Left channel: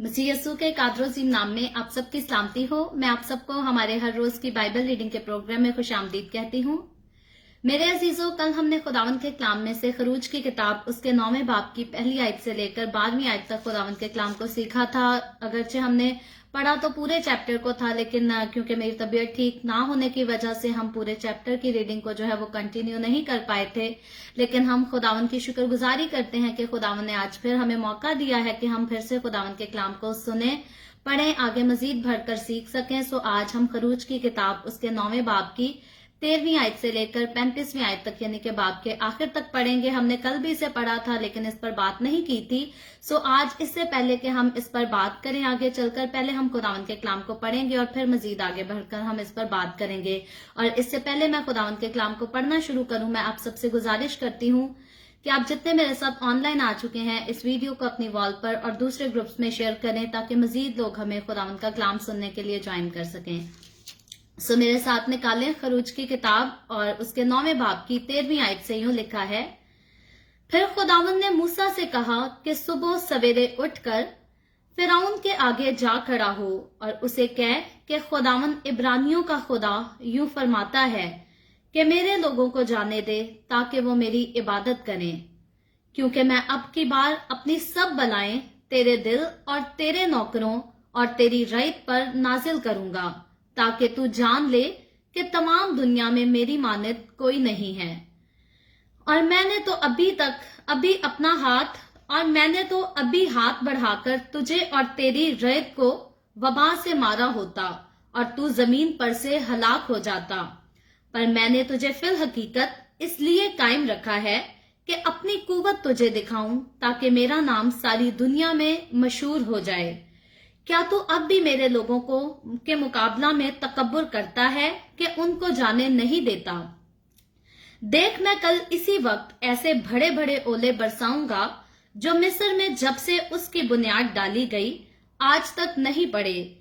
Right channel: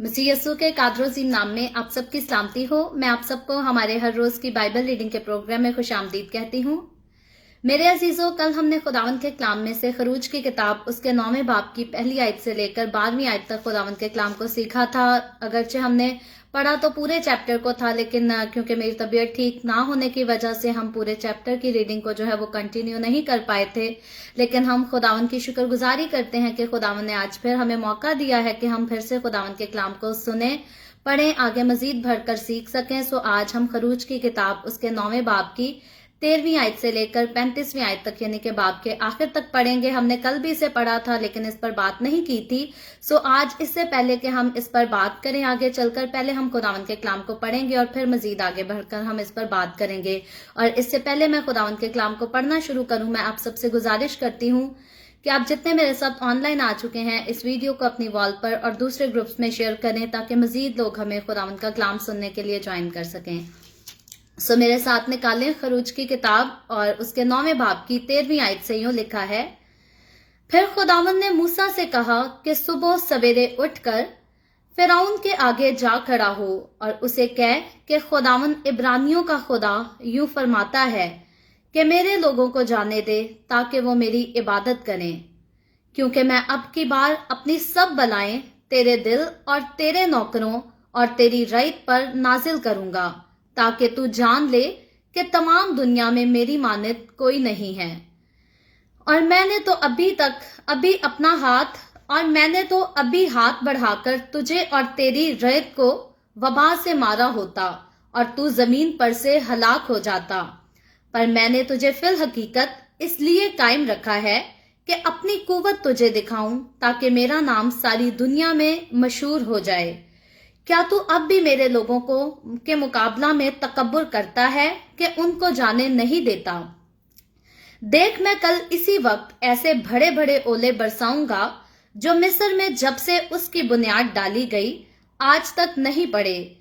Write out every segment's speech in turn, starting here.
मसीह यस्सु के कादरोज़ीम नाम में आप सबकी सलामती हो। मैं आप सबको हमारे हर रोज की बाइबल रीडिंग के प्रोग्राम में खुशामदीद कहती हूँ। मेरे अजीजों, कल हमने खुदावन के कलाम में से खरूज की किताब उसके 9वें बाब की पहली आयत से लेकर 12वीं आयत तक खुदावन के कलाम को सीखा था। अगरचे हमने पढ़ा तो पूरे चैप्टर को था, लेकिन क्योंकि मेरी तबीयत ठीक ना होने की वजह से हम पूरे चैप्टर की रीडिंग को जो है वो कंटिन्यू नहीं कर पाए थे। लेकिन हम खुदावन की शुक्रगुजारी करते हैं कि खुदावन ने आज फिर हमें मौका दिया है कि हम फिर से खुदावन के कलाम को सुने, पढ़ें, आगे मजीद भरकर सीख सकें। सो आज हम खरूज की किताब उसके 9वें बाब की 13वीं आयत से लेकर 35वीं आयत तक यानी कि बाब के आखिर तक पढ़ेंगे। हमने कल भी इसे पढ़ा था लेकिन इस पर बात नहीं की थी। सो आज इससे पहले कि हम इस पर बात करें आगे चलकर, पहले हम खुदावन के कलाम को पढ़ेंगे और फिर मजीद आगे बढ़कर हम इस पर बात करेंगे। और इससे पहले मैं खुदावन के कलाम को पढ़ना शुरू करूं, मैं आप सबसे गुजारिश करती हूँ कि आप जितने मेरे साथ ऑनलाइन आ चुके हैं इस वीडियो को अपनी वॉल पर और दूसरे ग्रुप्स में शेयर करें ताकि मजीद लोग हमें खुदावन का कलाम सुनने के लिए ज्वाइन कर सकें। सो मेरे साथ निकालें खरूज की किताब और उसके 9वें बाब की 13वीं आयत से यूं लिखा है। फिर खुदावन ने मूसा से कहा कि सुबह सवेरे उठकर फिरौन के आगे जा खड़ा हो और उसे कह कि खुदावन इब्रानियों का खुदा यूं फरमाता है कि मेरे लोगों को जाने दे ताकि वो मेरी इबादत करें, क्योंकि मैं अब की बार अपनी सब बलाएं तेरे दिल और तेरे नौकरों और तेरी रईत पर नाजिल करूंगा, ताकि तू जान ले कि तमाम दुनिया में मेरी मानित कोई नहीं है। और मैंने तो अभी हाथ बढ़ाकर तुझे और तेरी रईत को वबा से मारा होता और तू जमीन पर से हलाक हो जाता। पर मैंने तुझे फिल हकीकत इसलिए कायम रखा है कि अपनी कुव्वत तुझे दिखाऊं, ताकि मेरा नाम सारी दुनिया में मशहूर हो जाए। क्या तू अब भी मेरे लोगों को के मुकाबला में तकब्बुर करता है कि उनको जाने नहीं देता? देख, मैं कल इसी वक्त ऐसे बड़े बड़े ओले बरसाऊंगा जो मिस्र में जब से उसकी बुनियाद डाली गई आज तक नहीं पड़े।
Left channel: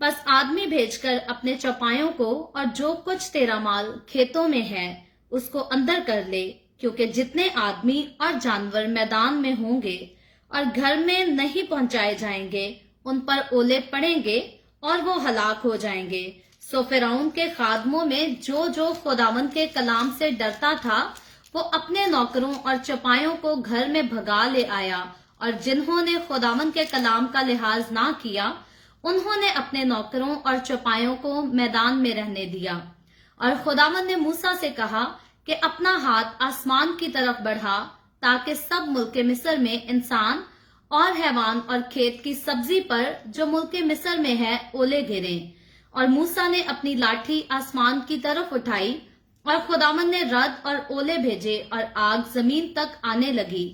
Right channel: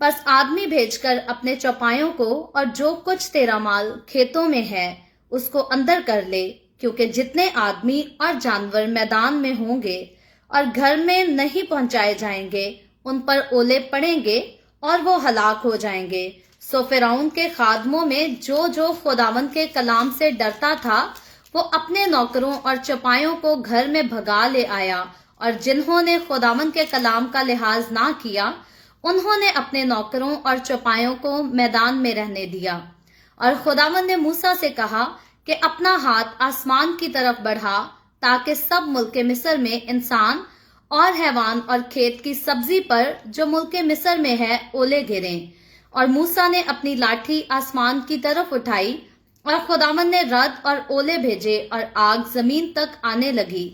बस आदमी भेजकर अपने चौपायों को और जो कुछ तेरा माल खेतों में है उसको अंदर कर ले, क्योंकि जितने आदमी और जानवर मैदान में होंगे और घर में नहीं पहुंचाए जाएंगे उन पर ओले पड़ेंगे और वो हलाक हो जाएंगे। सो फिरौन के खादमों में जो खुदावन के कलाम से डरता था वो अपने नौकरों और चपायों को घर में भगा ले आया, और जिन्होंने खुदावन के कलाम का लिहाज ना किया उन्होंने अपने नौकरों और चपायों को मैदान में रहने दिया। और खुदावन ने मूसा से कहा कि अपना हाथ आसमान की तरफ बढ़ा ताकि सब मुल्क मिस्र में इंसान और हैवान और खेत की सब्जी पर जो मुल्क मिस्र में है ओले गिरें। और मूसा ने अपनी लाठी आसमान की तरफ उठाई और खुदावन ने रद और ओले भेजे और आग जमीन तक आने लगी।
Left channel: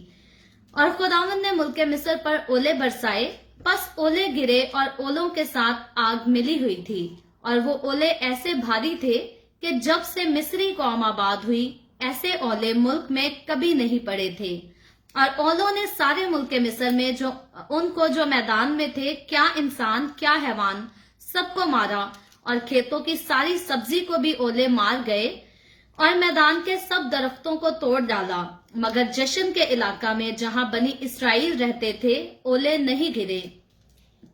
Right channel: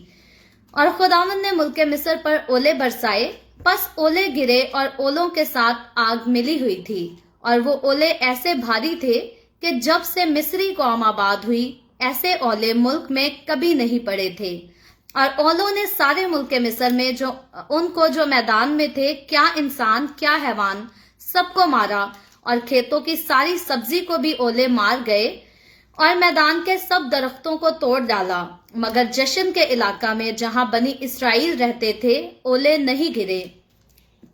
और खुदावन ने मुल्क मिस्र पर ओले बरसाए, बस ओले गिरे और ओलों के साथ आग मिली हुई थी। और वो ओले ऐसे भारी थे कि जब से मिस्री कौम आबाद हुई ऐसे ओले मुल्क में कभी नहीं पड़े थे। और ओलों ने सारे मुल्क मिस्र में जो मैदान में थे, क्या इंसान क्या हैवान, सबको मारा। और खेतों की सारी सब्जी को भी ओले मार गए और मैदान के सब दरख्तों को तोड़ डाला, मगर जशन के इलाका में जहां बनी इसराइल रहते थे ओले नहीं गिरे।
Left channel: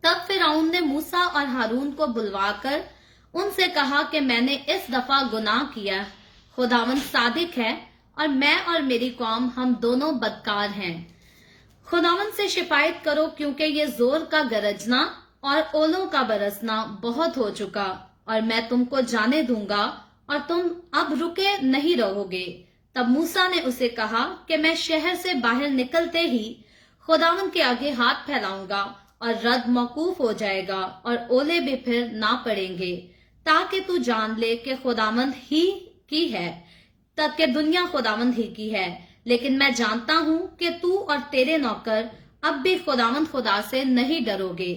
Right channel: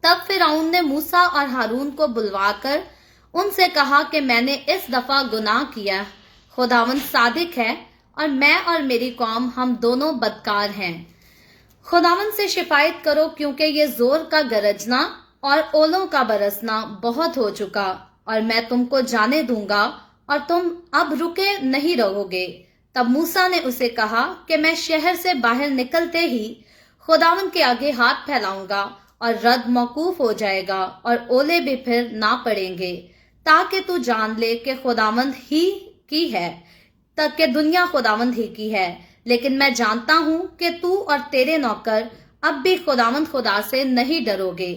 तब फिरौन ने मूसा और हारून को बुलवाकर उनसे कहा कि मैंने इस दफा गुनाह किया, खुदावन सादिक है और मैं और मेरी कौम हम दोनों बदकार हैं। खुदावन से शिकायत करो, क्योंकि ये जोर का गरजना और ओलों का बरसना बहुत हो चुका, और मैं तुमको जाने दूंगा और तुम अब रुके नहीं रहोगे। तब मूसा ने उसे कहा कि मैं शहर से बाहर निकलते ही खुदावन के आगे हाथ फैलाऊंगा और रद मौकूफ हो जाएगा और ओले भी फिर ना पड़ेंगे, ताकि तू जान ले कि खुदावंद ही की है, तक के दुनिया खुदावंद ही की है। लेकिन मैं जानता हूं कि तू और तेरे नौकर अब भी खुदावंद खुदा से नहीं डरोगे।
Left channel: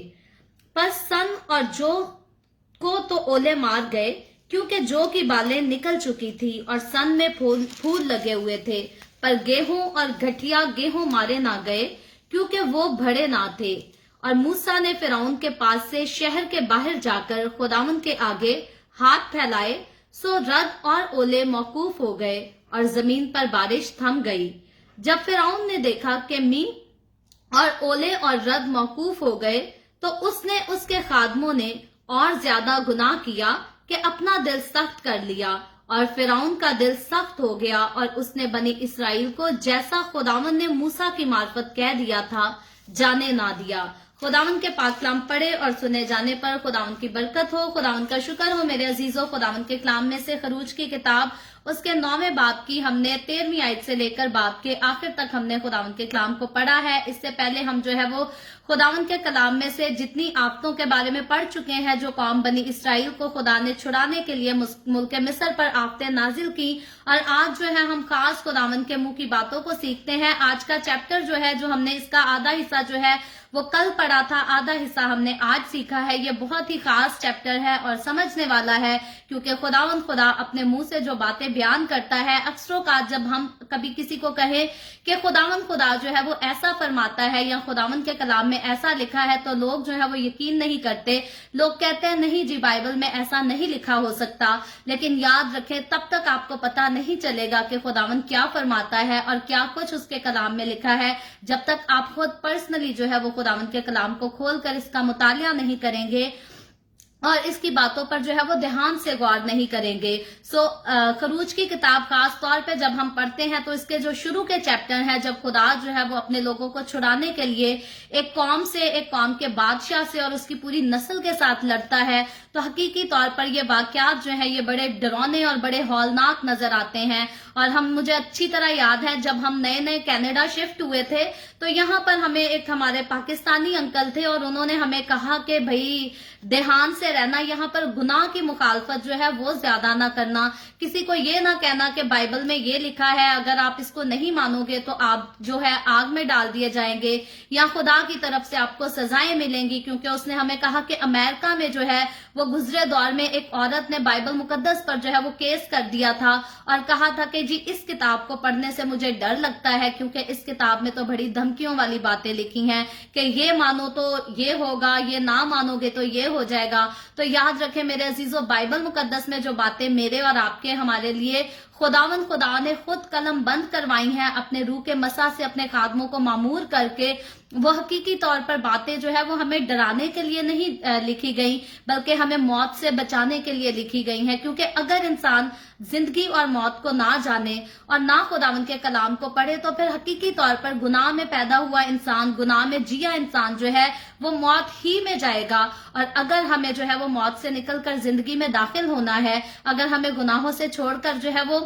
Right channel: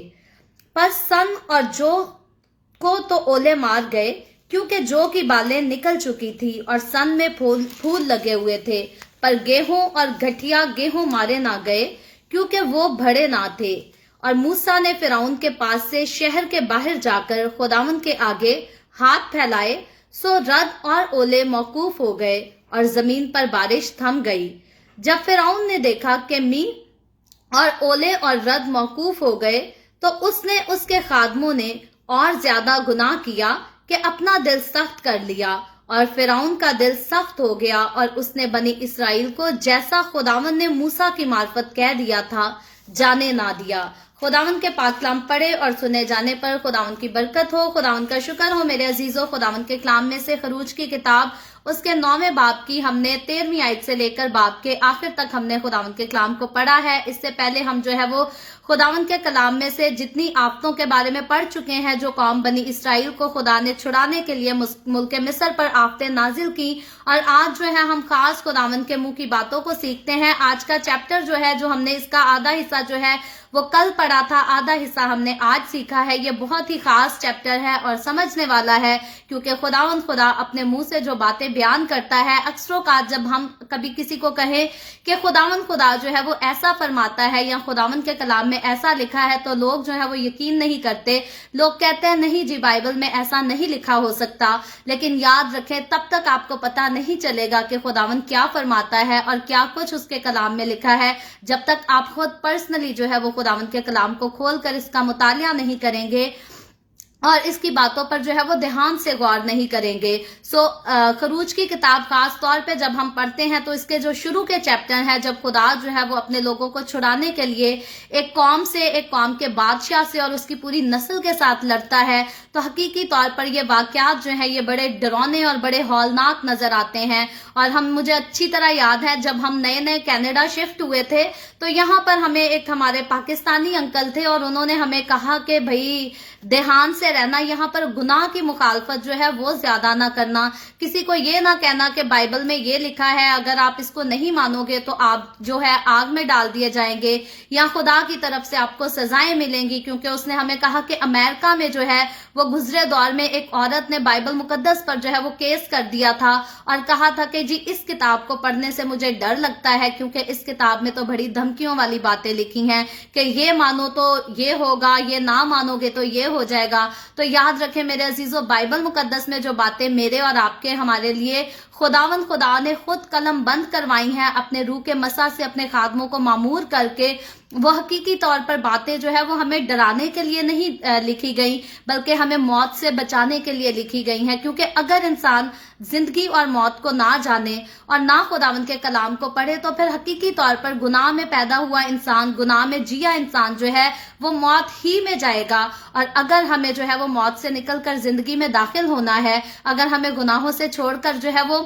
पर सन और जो को तो ओले मार गए, क्योंकि जो की बालें निकल चुकी थी और सन में फूल लगे हुए थे, पर गेहूं और घटिया गेहूं मारे ना गए, क्योंकि वो बड़े ना थे। और मूसा ने फिरौन के पास से शहर के बाहर जाकर खुदावंद के आगे हाथ फैलाए, सो रद और ओले मौकूफ हो गए और जमीन पर बारिश थम गई। जब फिरौन ने देखा कि मींह और ओले और रद मौकूफ हो गए تو उसने उसके खादमों ने और ज्यादा गुनाह किया कि अपना दिल सख्त कर लिया और फिरौन का दिल सख्त हो गया और उसने बनी इसराइल को जैसा खुदावन ने मूसा की मार्फत कह दिया था जाने ना दिया। खुदावन के पाक कलाम पढ़े और सुने जाने पर खुदावन की बरकत हो, खुदावन का शुक्र हो। मेरे अजीजों, खुदावन के कलाम में से खरूज की किताब उसके 9वें बाब की हमने 13वीं आयत से लेकर बाब के आखिर तक हमने खुदावन के कलाम को पढ़ा है। इससे पहले हम जो है वो खुदावन के कलाम में से जितनी आफतों के बारे में पढ़ चुके हैं, जो कौम बनी इसराइल को खुदा ने छुड़ाने के लिए मुल्क मिस्र पर आफतें नाजिल की, और आज जो है हम खास खुदावन के मुंह की बातों को सीखते हैं। आज का चैप्टर जो है, जो हमने इसका आधा हिस्सा जो है वो कल पढ़ा था, आधा हिस्सा हमने आज सीखा है। ये बहुत ही खास चैप्टर है और समझने वाला है, क्योंकि खुदावन खुदा अपने मुंह से जो बातें बयान करता है, अक्सरों का जब हम कभी किसी को कहें कि खुदावन खुदा जो है वो ऐसा फरमाता है या खुदावन के कलाम में ऐसा लिखा है, तो लोग जो है वो यकीन नहीं करते। लोग कहते हैं नहीं जी, बाइबल में ऐसा नहीं लिखा हो सकता। लेकिन याद रखें, तब तक आपको पता नहीं चलेगा कि खुदावन क्या फरमाता है और क्या कुछ उसके कलाम में लिखा है, जब तक आप खुद पर्सनली जो है वो खुदावन के कलाम को खोलकर इसका मुतालिया नहीं करेंगे और इसकी बातों पर जो है वो ध्यान से गौर नहीं करेंगे। खरूज की किताब खास तौर पे जब हम पढ़ते हैं तो इसके जो शुरू के चैप्टर हैं, जब खुदा जो है वो अपने लोगों को छुड़ाने के लिए एक कौम के बादशाह से और उसकी पूरी नस्ल के साथ लड़ता है, तो हकीकी तौर पर ये वाकयात जो है ये बड़े डरावने और बड़े हौलनाक नजर आते हैं। और मुझे अच्छी तरह याद है, जब हम नए नए कनाडा शिफ्ट हुए थे तो यहाँ पर हमें एक हमारे पाकिस्तानी अंकल थे और उन्होंने हमें कहा कि भाई ध्यान से रहना, यहाँ पर गुनाह की मुखालफत जो है वो ज्यादा ना करना, किसी को ये ना कहना कि बाइबल में ये लिखा है, अगर आप इसको नहीं मानोगे तो आप जो है आग में डाल दिए जाएंगे या खुदा की तरफ से आपको सजाएं मिलेंगी। क्योंकि उसने हमें कहा कि अमेरिका में जो है वो गुजरे दौर में एक औरत ने बाइबल मुकद्दस पर जो है वो केस कर दिया था और कहा था कि जी इस किताब को पढ़ने से मुझे डर लगता है, क्योंकि इस किताब में तो बड़ी धमकियों वाली बातें लिखी हैं कि ये मानो तो ये होगा, ये ना मानोगे तो ये हो जाएगा। तो याद रखें मेरे अजीजों, बाइबल मुकद्दस में जो बातें मेरे और आपके हमारे लिए खुदावन खुदा ने खुद कलम बंद करवाई हैं, अपने रूह के मसा से अपने खादमों को मामूर करके, वो हकीकी तौर पर बातें जो है वो हमें डराने के लिए नहीं लिखी गई, बल्कि हमें मौत से बचाने के लिए लिखी गई हैं। क्योंकि अगर इंसान जिंदगी और मौत को ना जाने और ना खुदावन के कलाम को पढ़े, तो फिर हकीकी तौर पर गुनाह में पैदा हुआ इंसान, गुनाह में जिया इंसान जो है वो मौत ही में जाएगा। और अगर हमें जो है वो मौत से निकलकर जिंदगी में दाखिल होना है, अगर हमें गुनाहों से छोड़कर जो है वो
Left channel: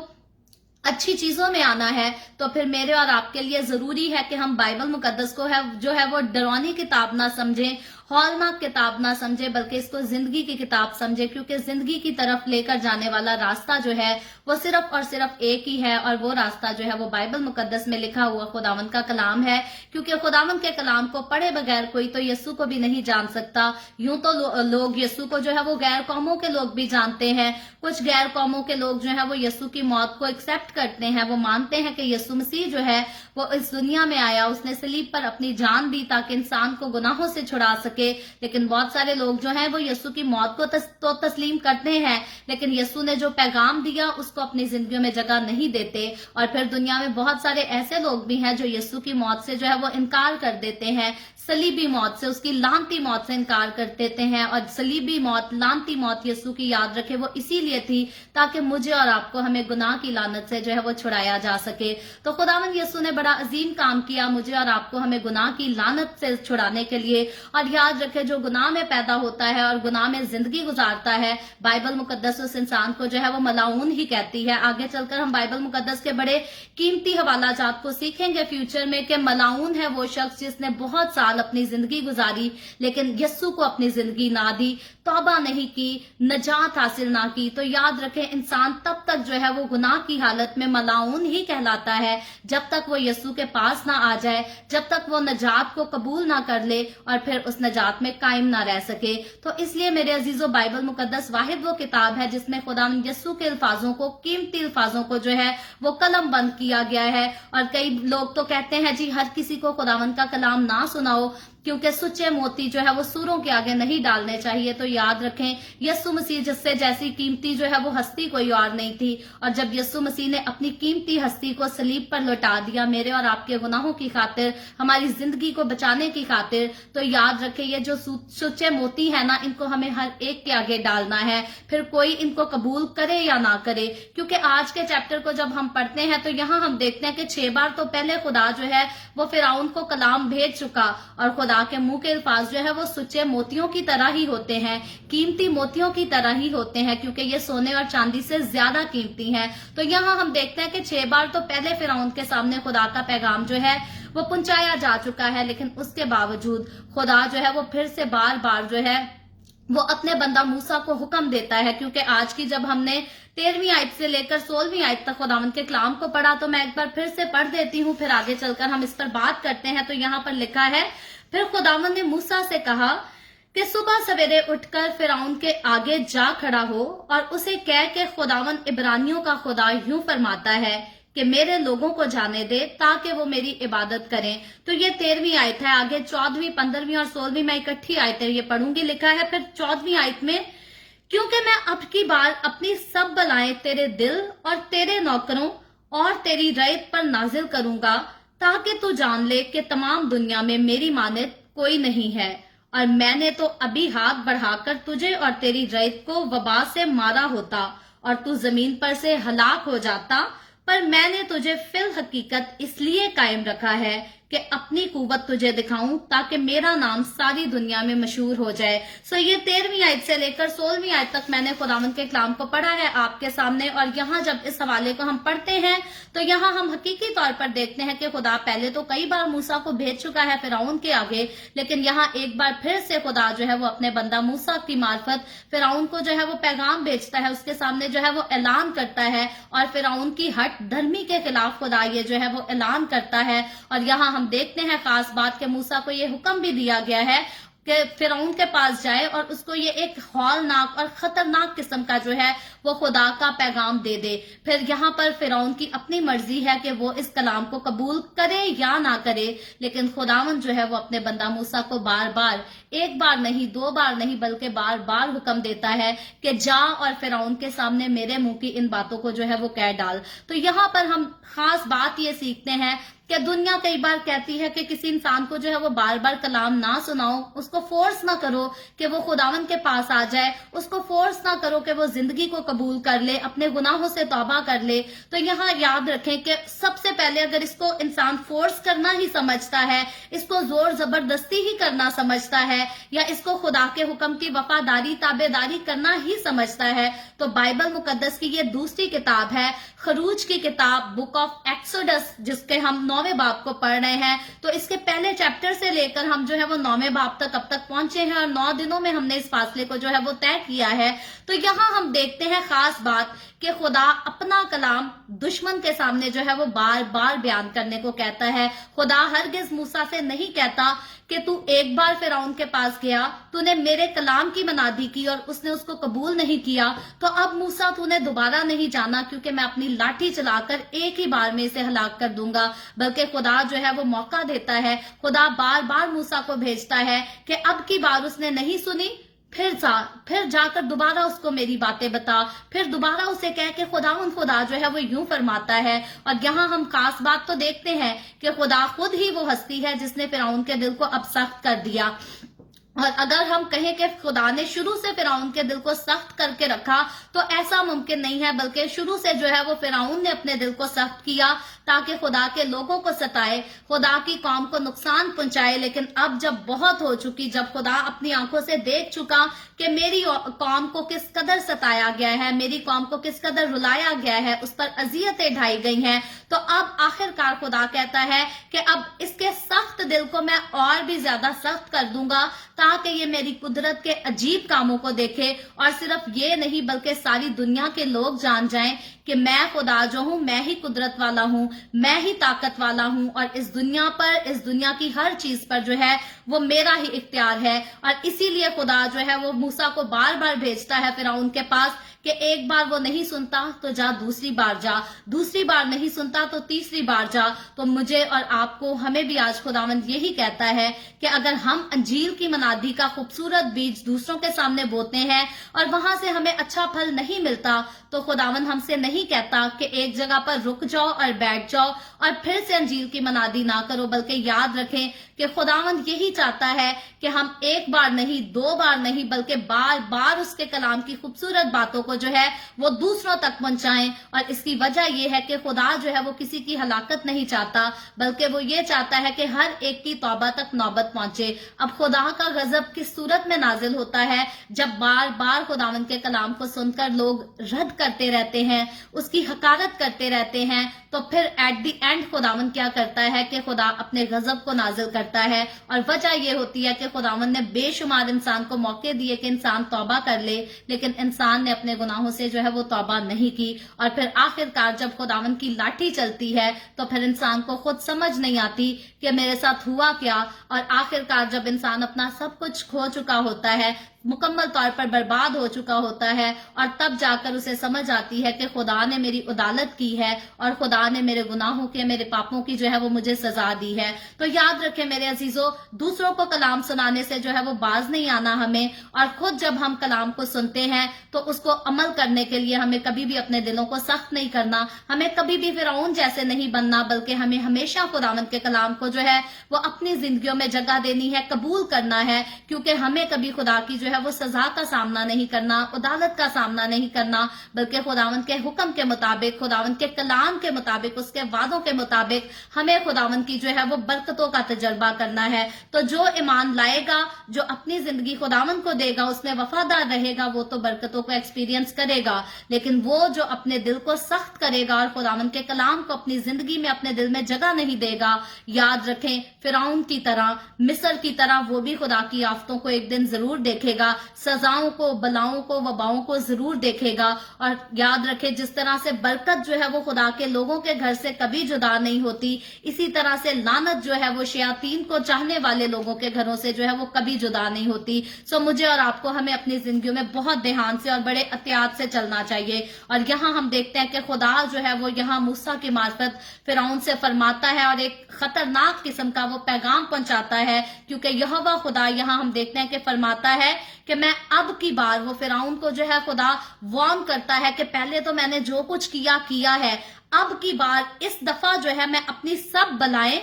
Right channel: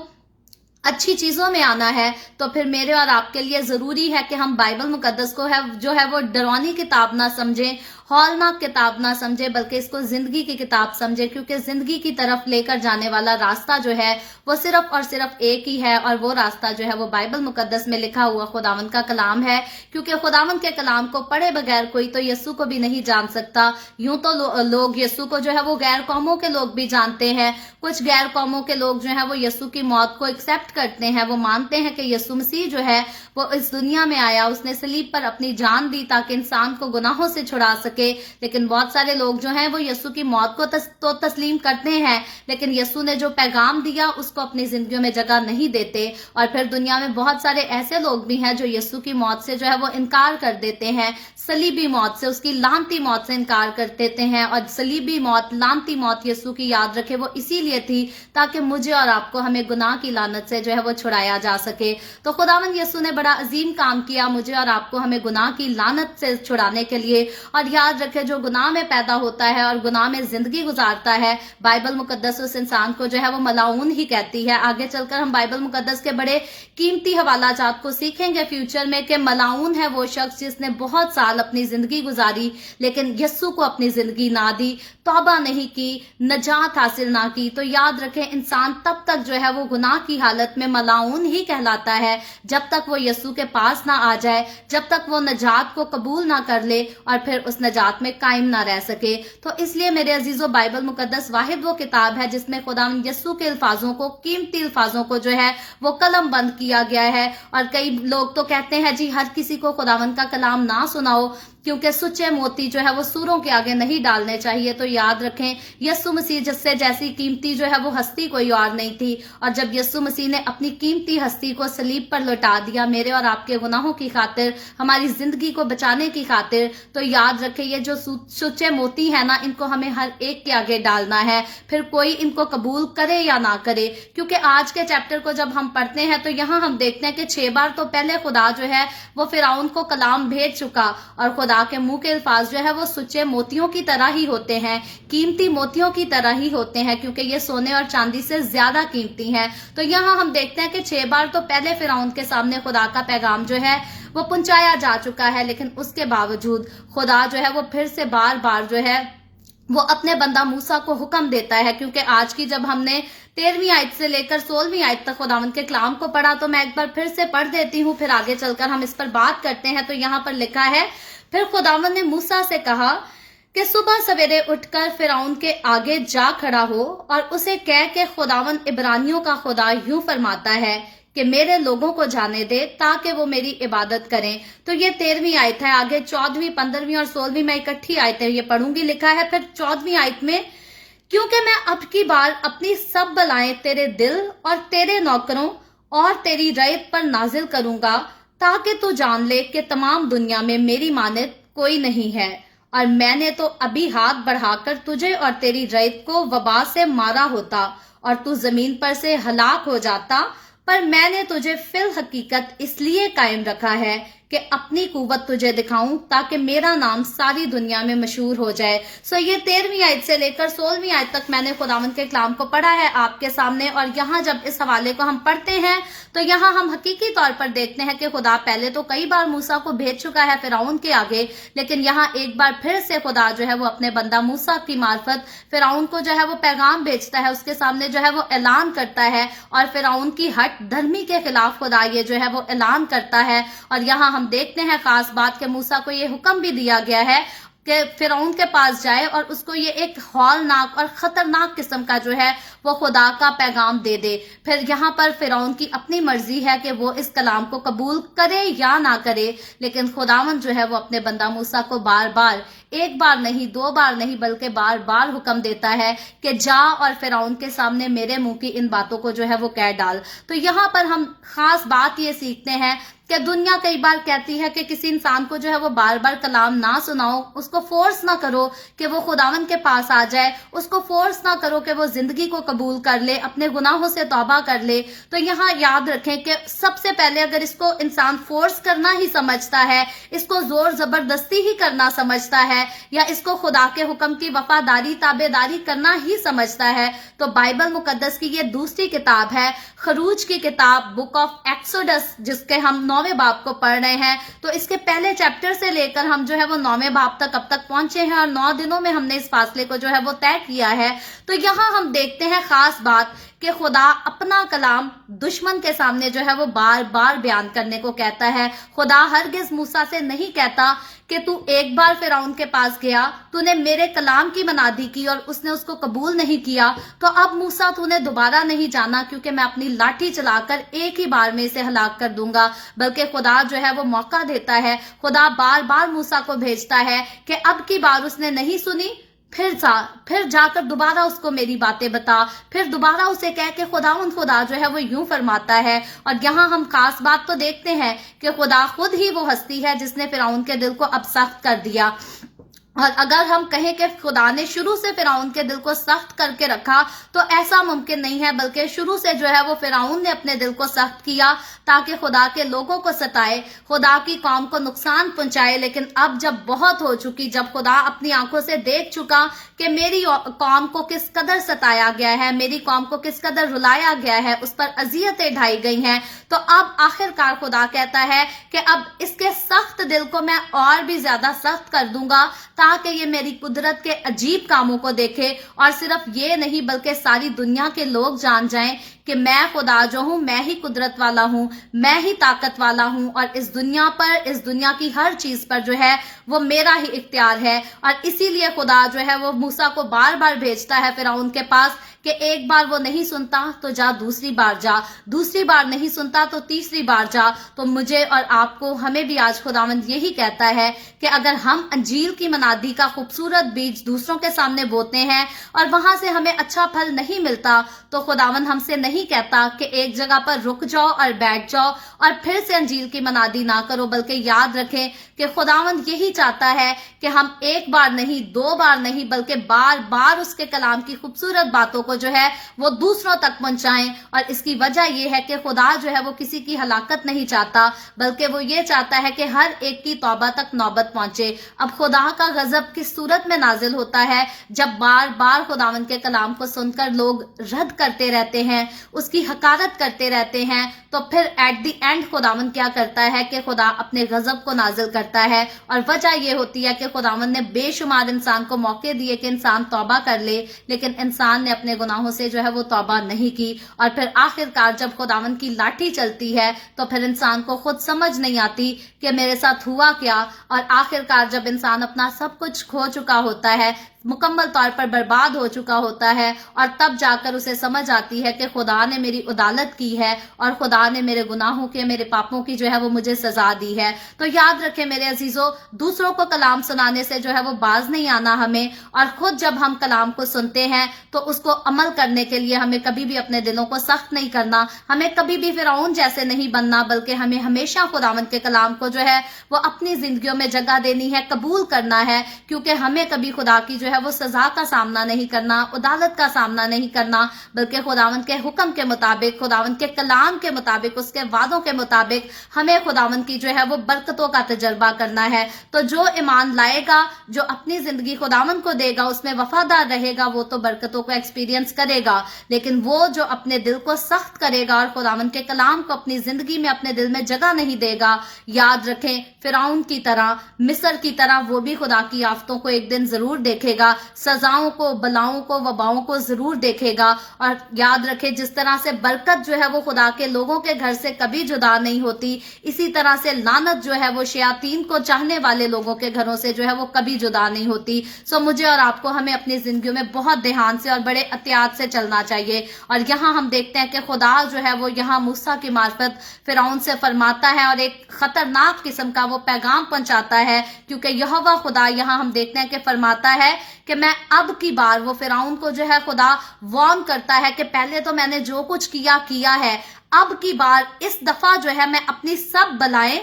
अच्छी चीजों में आना है, तो फिर मेरे और आपके लिए जरूरी है कि हम बाइबल मुकद्दस को जो है वो डरावनी किताब ना समझें, हौलनाक किताब ना समझे, बल्कि इसको जिंदगी की किताब समझे। क्योंकि जिंदगी की तरफ लेकर जाने वाला रास्ता जो है वो सिर्फ और सिर्फ एक ही है, और वो रास्ता जो है वो बाइबल मुकद्दस में लिखा हुआ खुदावन का कलाम है। क्योंकि खुदावन के कलाम को पढ़े बगैर कोई तो यीशु को भी नहीं जान सकता। यूं तो लोग यीशु को जो है वो गैर कौमों के लोग भी जानते हैं। कुछ गैर कौमों के लोग जो है वो यीशु की मौत को एक्सेप्ट करते हैं, वो मानते हैं कि यीशु मसीह जो है वो इस दुनिया में आया, उसने सलीब पर अपनी जान दी ताकि इंसान को गुनाहों से छुड़ा सके। लेकिन बहुत सारे लोग जो हैं वो यीशु की मौत को तो तस्लीम करते हैं, लेकिन यीशु ने जो पैगाम दिया उसको अपनी जिंदगियों में जगह नहीं देते। और फिर दुनिया में बहुत सारे ऐसे लोग भी हैं जो यीशु की मौत से जो है वो इनकार कर देते हैं, सलीबी मौत से, उसकी लानती मौत से इनकार कर देते हैं। और सलीबी मौत, लानती मौत यीशु की याद रखे वो इसीलिए थी ताकि मुझे और आपको, हमें गुनाह की लानत से जो है वो छुड़ाया जा सके। तो खुदावन यीशु ने बड़ा अजीम काम किया मुझे और आपको, हमें गुनाह की लानत से छुड़ाने के लिए। और याद रखे, जो गुनाह में पैदा होता है और गुनाह में जिंदगी गुजारता है, बाइबल मुकद्दस उस इंसान को जो है वो मलाऊन ही कहती है। आगे चलकर हम बाइबल मुकद्दस के बड़े कीमती हवाला जात को सीखेंगे फ्यूचर में कि मलाऊन है वो शख्स जिसने बहुत साल अपनी जिंदगी गुजारी लेकिन यीशु को अपनी जिंदगी ना दी, तौबा नहीं की, नजात हासिल ना की। तो याद रखें, इंसान तब तक जो है वो गुनाह की हालत में मलाऊन ही कहलाता है जब तक वो यीशु के पास ना आ जाए, जब तक वो नजात को कबूल ना कर ले और फिर उस नजात में कायम ना रह सके। तो इसलिए मेरे अजीजों, बाइबल मुकद्दस वाहिद वो किताब है जिसमें खुदावंद यीशु के अल्फाजों को, कीमती अल्फाजों को जो है वो कलम बंद किया गया है। और कई लोग तो कहते हैं जी हर किसी को खुदावंद का कलाम ना सुनाओ, क्योंकि सच्चे मोती जो है वो सूरों के आगे नहीं डालने चाहिए। तो याद रखें, यीशु मसीह जिससे जैसी कीमती जो है वो हस्ती कोई और नहीं थी, और जब यीशु मसीह ने अपनी कीमती हस्ती को सलीब पर लौटा दिया मेरे और आपके गुनाहों की खातिर, हमारी जिंदगी को बचाने की खातिर, तो याद रखें ये जो सच्चे मोती है ना, इनको हमें हर एक के आगे डालना है, फिर कोई इनको कबूल करे या ना करे। क्योंकि आज के चैप्टर को जब हम पढ़ते हैं तो यहाँ हम देखते हैं कि 6 बार तो पहले खुदा जो है वो फिरौन को कलाम भेज चुका, और खुदा के मुंह के अल्फाज जो है वो सच्चे मोतियों की तरह ही होते हैं, कीमती मोतियों की तरह ही होते हैं, क्योंकि ये सोने और चांदी से ज्यादा कीमती हैं। तो यहाँ हम देखते हैं कि 6 बार तो पहले फिरौन के सामने खुदा का पैगाम जो है वो पहुंचाया जा चुका है, लेकिन उसके बावजूद खुदा जो है वो फिर से बार बार जो है वो अपने बंदा मूसा को हुक्म देता है। क्योंकि आज की जब हमने 13वीं आयत से लेकर 16वीं आयत तक खुदावंद के कलाम को पढ़ा, तो मैं एक बार फिर से पढ़ देती हूँ, फिर आगे चलकर हम इस पर बात करते हैं। तो यहाँ पर लिखा है, फिर खुदावंद ने मूसा से कहा कि सुबह सवेरे उठकर फिरौन के आगे जा खड़ा हो और उसे कह के खुदावंद इब्रानियों का खुदा यूं फरमाता है कि मेरे लोगों को जाने दे ताकि वो मेरी इबादत करें। तो ये 13वीं आयत है। आगे 14वीं, 15वीं और 16वीं मैं इकट्ठी आयतें ये पढ़ूंगी। लिखा है फिर 14वीं आयत में, क्योंकि मैं अब की बार अपनी सब बलाएं तेरे दिल और तेरे नौकरों और तेरी रैयत पर नाजिल करूंगा, ताकि तू जान ले कि तमाम दुनिया में मेरी मानद कोई नहीं है। और मैंने तो अभी हाथ बढ़ाकर तुझे और तेरी रैयत को वबा से मारा होता और तू जमीन पर से हलाक हो जाता, पर मैंने तुझे फिल हकीकत इसलिए कायम रखा है कि अपनी कुव्वत तुझे दिखाऊं, ताकि मेरा नाम सारी दुनिया में मशहूर हो जाए। सो ये 13वीं आयत से लेकर 16वीं आयत तक मैंने खुदावंद के कलाम को पढ़ा है आपके सामने। और यहाँ जब इस हवाले को हम पढ़ते हैं तो यहाँ हम हकीकी तौर पर देखते हैं कि खुदा पहले तो कई बार मूसा को भेज चुका है फिरौन के आगे, लेकिन यहाँ एक बार फिर से खुदा जो है वो अपने बंदा मूसा की मार्फत फिरौन को जो है वो पैगाम भेजता है, उसके सामने जो है वो ऐलान करता है, और फिरौन की हट धर्मी के खिलाफ खुदा ये जो है वो ऐलान करता है। और यहाँ हम देखते हैं खास बात के मूसा को ये हुक्म भी दिया गया है कि फिरौन के पास जाए और उसको ये एक हौलनाक और खतरनाक किस्म का जो है वो खुदा का पैगाम दे दे। फिर यहाँ पर फिरौन की अपनी मर्जी है कि वो इस कलाम को कबूल करे या ना करे, लेकिन खुदावंद जो है वो अपने बंदा मूसा को बार बार, एक बार नहीं, 2 बार नहीं, बल्कि बार बार हुक्म देता है कि जा और फिरौन के सामने मेरे मुंह की इन बातों को जो है वो कह डाल। तो यहाँ पर हम खास बात ये सीखते हैं कि दुनिया कई बार कहती है कि किसी इंसान को जो है वो बार बार कलाम ना सुनाओ, उसको फोर्स ना करो कि वो खुदावंद के पास आ जाए, उसको फोर्स ना करो कि वो जिंदगी को कबूल कर ले, अपने गुनाहों से तौबा कर ले। तो यहाँ याद रखें कि सबसे पहले अगर इसको इंसान फोर्स करना ही समझता है, इसको जोर जबरदस्ती ही करना समझता है, या इसको खुदा के हुक्म की वफादारी ताबेदारी करना ही समझता है, तो बाइबल मुकद्दस की ये दूसरी किताब है, खरूज की किताब, बुक ऑफ एक्सोडस, जिसके हम 9वें बाब को पढ़ रहे हैं। तो इसके पहले चैप्टर से लेकर हम जो है वो 9वें बाब तक अब तक पहुंचे हैं, और 9 दिनों में हमने इस फासले को जो है वो तय किया है। तो यहाँ हम देखते हैं खास बात कि खुदा अपना कलाम दुश्मन के सामने जो है वो बार बार बयान करने को कहता है। खुदा हरगिज मूसा से नहीं कहता कि तू एक बार फिरौन के पास गया, तूने मेरे कलाम की मनादी की और उसने उसको कबूल नहीं किया, तो अब मूसा तूने दोबारा नहीं जाना, क्योंकि मैं अपनी लाठी चलाकर एक ही बार में इसे हलाक कर दूंगा। बल्कि खुदा जो है वो मौका देता है, खुदा बार बार मूसा को भेजता है कि अब की बार उसने नहीं सुनी, फिर जाकर दोबारा उसको मेरी बातें बता, फिर दोबारा उसे कह के खुदा जो है वो यूं फरमाता है। और यहाँ हम खास बात तो देखते हैं कि खुदा खुद ही वो हस्ती है जिसने फिरौन के दिल को अब सख्त कर दिया। और अगर हम कहें कि खुदा ने शुरू से फिरौन के दिल को सख्त करके रखा, तो ऐसा मुमकिन नहीं है, बल्कि शुरू से जो है वो फिरौन ने अपने दिल को सख्त किया ताकि खुदा के लोगों को सताए, खुदा की कौम को नुकसान पहुंचाए। लेकिन अब जब बहुत हो चुकी, जब खुदा अपनी आंखों से देख चुका कि मेरी कौम को किस कदर सताया गया है, मेरी कौम को किस कदर रुलाया गया है, उस पर अजियतें ढाई गई हैं, तो अब आखिरकार खुदा कहता है कि अब इसके सख्त दिल को मैं और भी ज्यादा सख्त कर दूंगा, ताकि ये मेरी कुदरत के अजीब कामों को देखे। और सिर्फ ये नहीं, बल्कि सारी दुनिया के लोग जान जाएं कि मैं खुदा जो हूं, मैं ही कुदरत वाला हूं, मैं ही ताकत वाला हूं, और इस दुनिया पर, इस दुनिया की हर चीज पर जो है वो मेरा ही इख्तियार है। और इसीलिए खुदा जो है वो मूसा को बार बार भेजता है फिरौन के पास کہ ایک بار وہ نہیں سنتا تو جا دوسری بار جا، دوسری بار نہیں سنتا تو تیسری بار جا۔ تو مجھے اور آپ کو، ہمیں بھی آج خداوند یہی کہتا ہے کہ اگر ہم انجیل کی منادی کا خوبصورت بیج دوسروں کے سامنے بوتے ہیں اور وہاں سے ہمیں اچھا پھل نہیں ملتا، تو خداوند ہم سے نہیں کہتا کہ ایک جگہ پر رک جاؤ اور بیٹھ جاؤ اور پھر سے انجیل کی منادی نہ کرو، بلکہ یاد رکھیں کہ خداوند یہی چاہتا ہے کہ ہم ایک بار نہیں، دو بار نہیں، بلکہ بار بار اس کے کلام کی خوبصورت باتوں کو جو ہے وہ دوسروں تک پہنچائیں۔ اور اس کی وجہ یہ ہے کہ خدا جو ہے وہ کسی کی ہلاکت نہیں چاہتا، بلکہ وہ یہ چاہتا ہے کہ ہر ایک کی توبہ تک نوبت پہنچے۔ اب خدا کا غضب کس صورت میں نازل ہوتا ہے؟ جب بار بار خداوند کے کلام کو سن کر لوگ رد کرتے رہتے ہیں، اس کی حقارت کرتے رہتے ہیں، تو پھر ایٹ دی اینڈ خداوند کیا کرتا ہے کہ خدا اپنے غضب کو نازل کرتا ہے۔ اور وجہ یہ ہوتی ہے کہ خداوند نے بے شمار انسان کو موقع دیے کہ انسان توبہ کر لے، لیکن انسان نے اپنے گناہوں سے جو ہے وہ توبہ نہیں کی۔ اور پھر آخرکار جب خداوند کی لاٹھی چلتی ہے تو پھر انسان کو خود سمجھ نہیں آتی کہ میرے ساتھ ہوا کیا۔ اور آخرکار جب انسان اپنا سب کچھ کھو چکا ہوتا ہے، مکمل طور پر برباد ہو چکا ہوتا ہے، اور تب جا کر اسے سمجھ آتی ہے کہ خدا نے میری عدالت کی ہے اور خدا نے میرے گناہوں کے، میرے پاپوں کی جو ہے وہ مجھے سزا دی ہے۔ تو یاد رکھیں میرے عزیزو، دوسروں کو کلام سنانے سے جو ہے وہ باز نہیں آنا ہمیں، اور خود جب ہم کلام کو سنتے ہیں تو اس کو عمل کرنے کے لیے ہمیں کبھی بھی اپنے دلوں کو سخت نہیں کرنا، ہمیں کبھی بھی فرعون جیسے نہیں بننا، بلکہ ہمیں ہمیشہ خداوند کے کلام کو جو ہے وہ اپنی زندگیوں میں جگہ دینی ہے، قبول کرنا ہے، کیونکہ ہمیں کبھی خدا کی جو ہے وہ سزا کا سامنا نہیں کرنا، عدالت کا سامنا نہیں کرنا، بلکہ خداوند کے حکم کے مطابق، خداوند کے کلام کے مطابق، اس کے وعدوں کے مطابق ہمیں خداوند کی جو ہے وہ برکتوں کا تجربہ کرنا ہے۔ تو جو ایمان لائے گا، جو اپنی زندگی خداوند کو دے گا، اس میں وفادار رہے گا، وہ تو برکتوں کو ایکسپیرینس کرے گا، لیکن وہ جو اپنے دل کو سخت کرے گا اور خداوند کے کلام کو اپنی زندگی میں اپنے دل میں جگہ نہیں دے گا، یاد رکھیں فرعون کی طرح، مصر کی طرح وہ بھی خدا کی آفتوں کو ایک دن ضرور دیکھے گا، سزاؤں کو، بلاؤں کو، وباؤں کو ضرور دیکھے گا۔ اور یاد رکھیں جس طرح سے برکت جو ہے وہ خدا کے لوگوں کے گھر سے کبھی جدا نہیں ہوتی، اسی طرح سے لعنت جو ہے وہ شیاطین کو چاہنے والے لوگوں کے گھروں سے جو ہے وہ کبھی جدا نہیں ہوتی۔ سو مجھے اور آپ کو ہمیں اپنی زندگیوں میں بہت دھیان سے اور بڑے احتیاط سے چلنا چاہیے۔ اور یہاں ہم دیکھتے ہیں کہ خدا جو ہے وہ یہاں موسیٰ کی معرفت فرعون سے فرماتا ہے اور ایک خطرناک قسم کا وہ پیغام پہنچاتا ہے، کیونکہ یہوہ خدا یہاں ہم دیکھتے ہیں کہ فرماتا ہے کہ میں اب کی بار، وہ فرعون کو جو ہے خدا وارن کرتا ہے کہ پہلے تو میں نے جو کچھ کیا ہے، اب کی بار اس دفعہ جو ہے میں اپنی سب بلائیں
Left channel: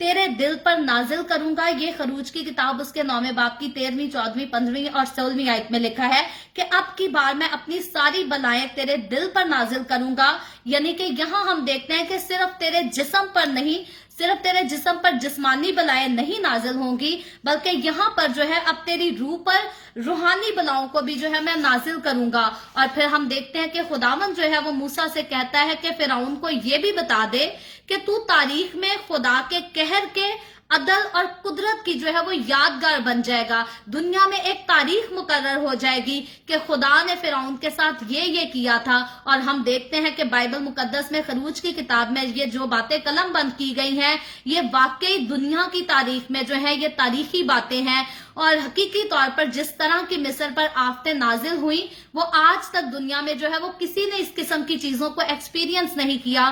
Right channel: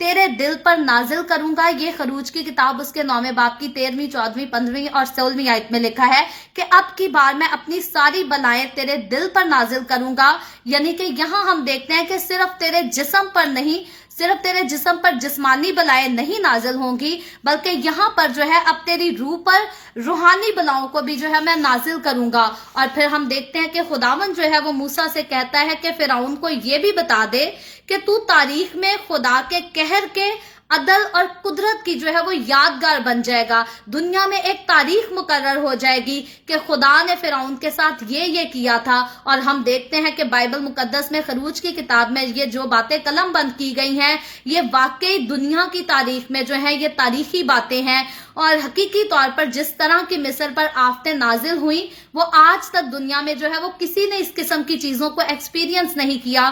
تیرے دل پر نازل کروں گا۔ یہ خروج کی کتاب اس کے 9ویں باب کی 13ویں، 14ویں، 15ویں اور 16ویں آیت میں لکھا ہے کہ اب کی بار میں اپنی ساری بلائیں تیرے دل پر نازل کروں گا۔ یعنی کہ یہاں ہم دیکھتے ہیں کہ صرف تیرے جسم پر نہیں، صرف تیرے جسم پر جسمانی بلائیں نہیں نازل ہوں گی، بلکہ یہاں پر جو ہے اب تیری روح پر روحانی بلاؤں کو بھی جو ہے میں نازل کروں گا۔ اور پھر ہم دیکھتے ہیں کہ خداوند جو ہے وہ موسیٰ سے کہتا ہے کہ فرعون کو یہ بھی بتا دے کہ تو تاریخ میں خدا کے قہر کے، عدل اور قدرت کی جو ہے وہ یادگار بن جائے گا۔ دنیا میں ایک تاریخ مقرر ہو جائے گی کہ خدا نے فرعون کے ساتھ یہ کیا تھا۔ اور ہم دیکھتے ہیں کہ بائبل مقدس میں، خروج کی کتاب میں یہ جو باتیں قلم بند کی گئی ہیں، یہ واقعی دنیا کی تاریخ میں جو ہے یہ تاریخی باتیں ہیں۔ اور حقیقی طور پر جس طرح کی مصر پر آفتیں نازل ہوئیں، وہ آج تک دنیا میں جو ہے وہ کسی نے اس قسم کی چیزوں کو ایکسپیرینس نہیں کیا۔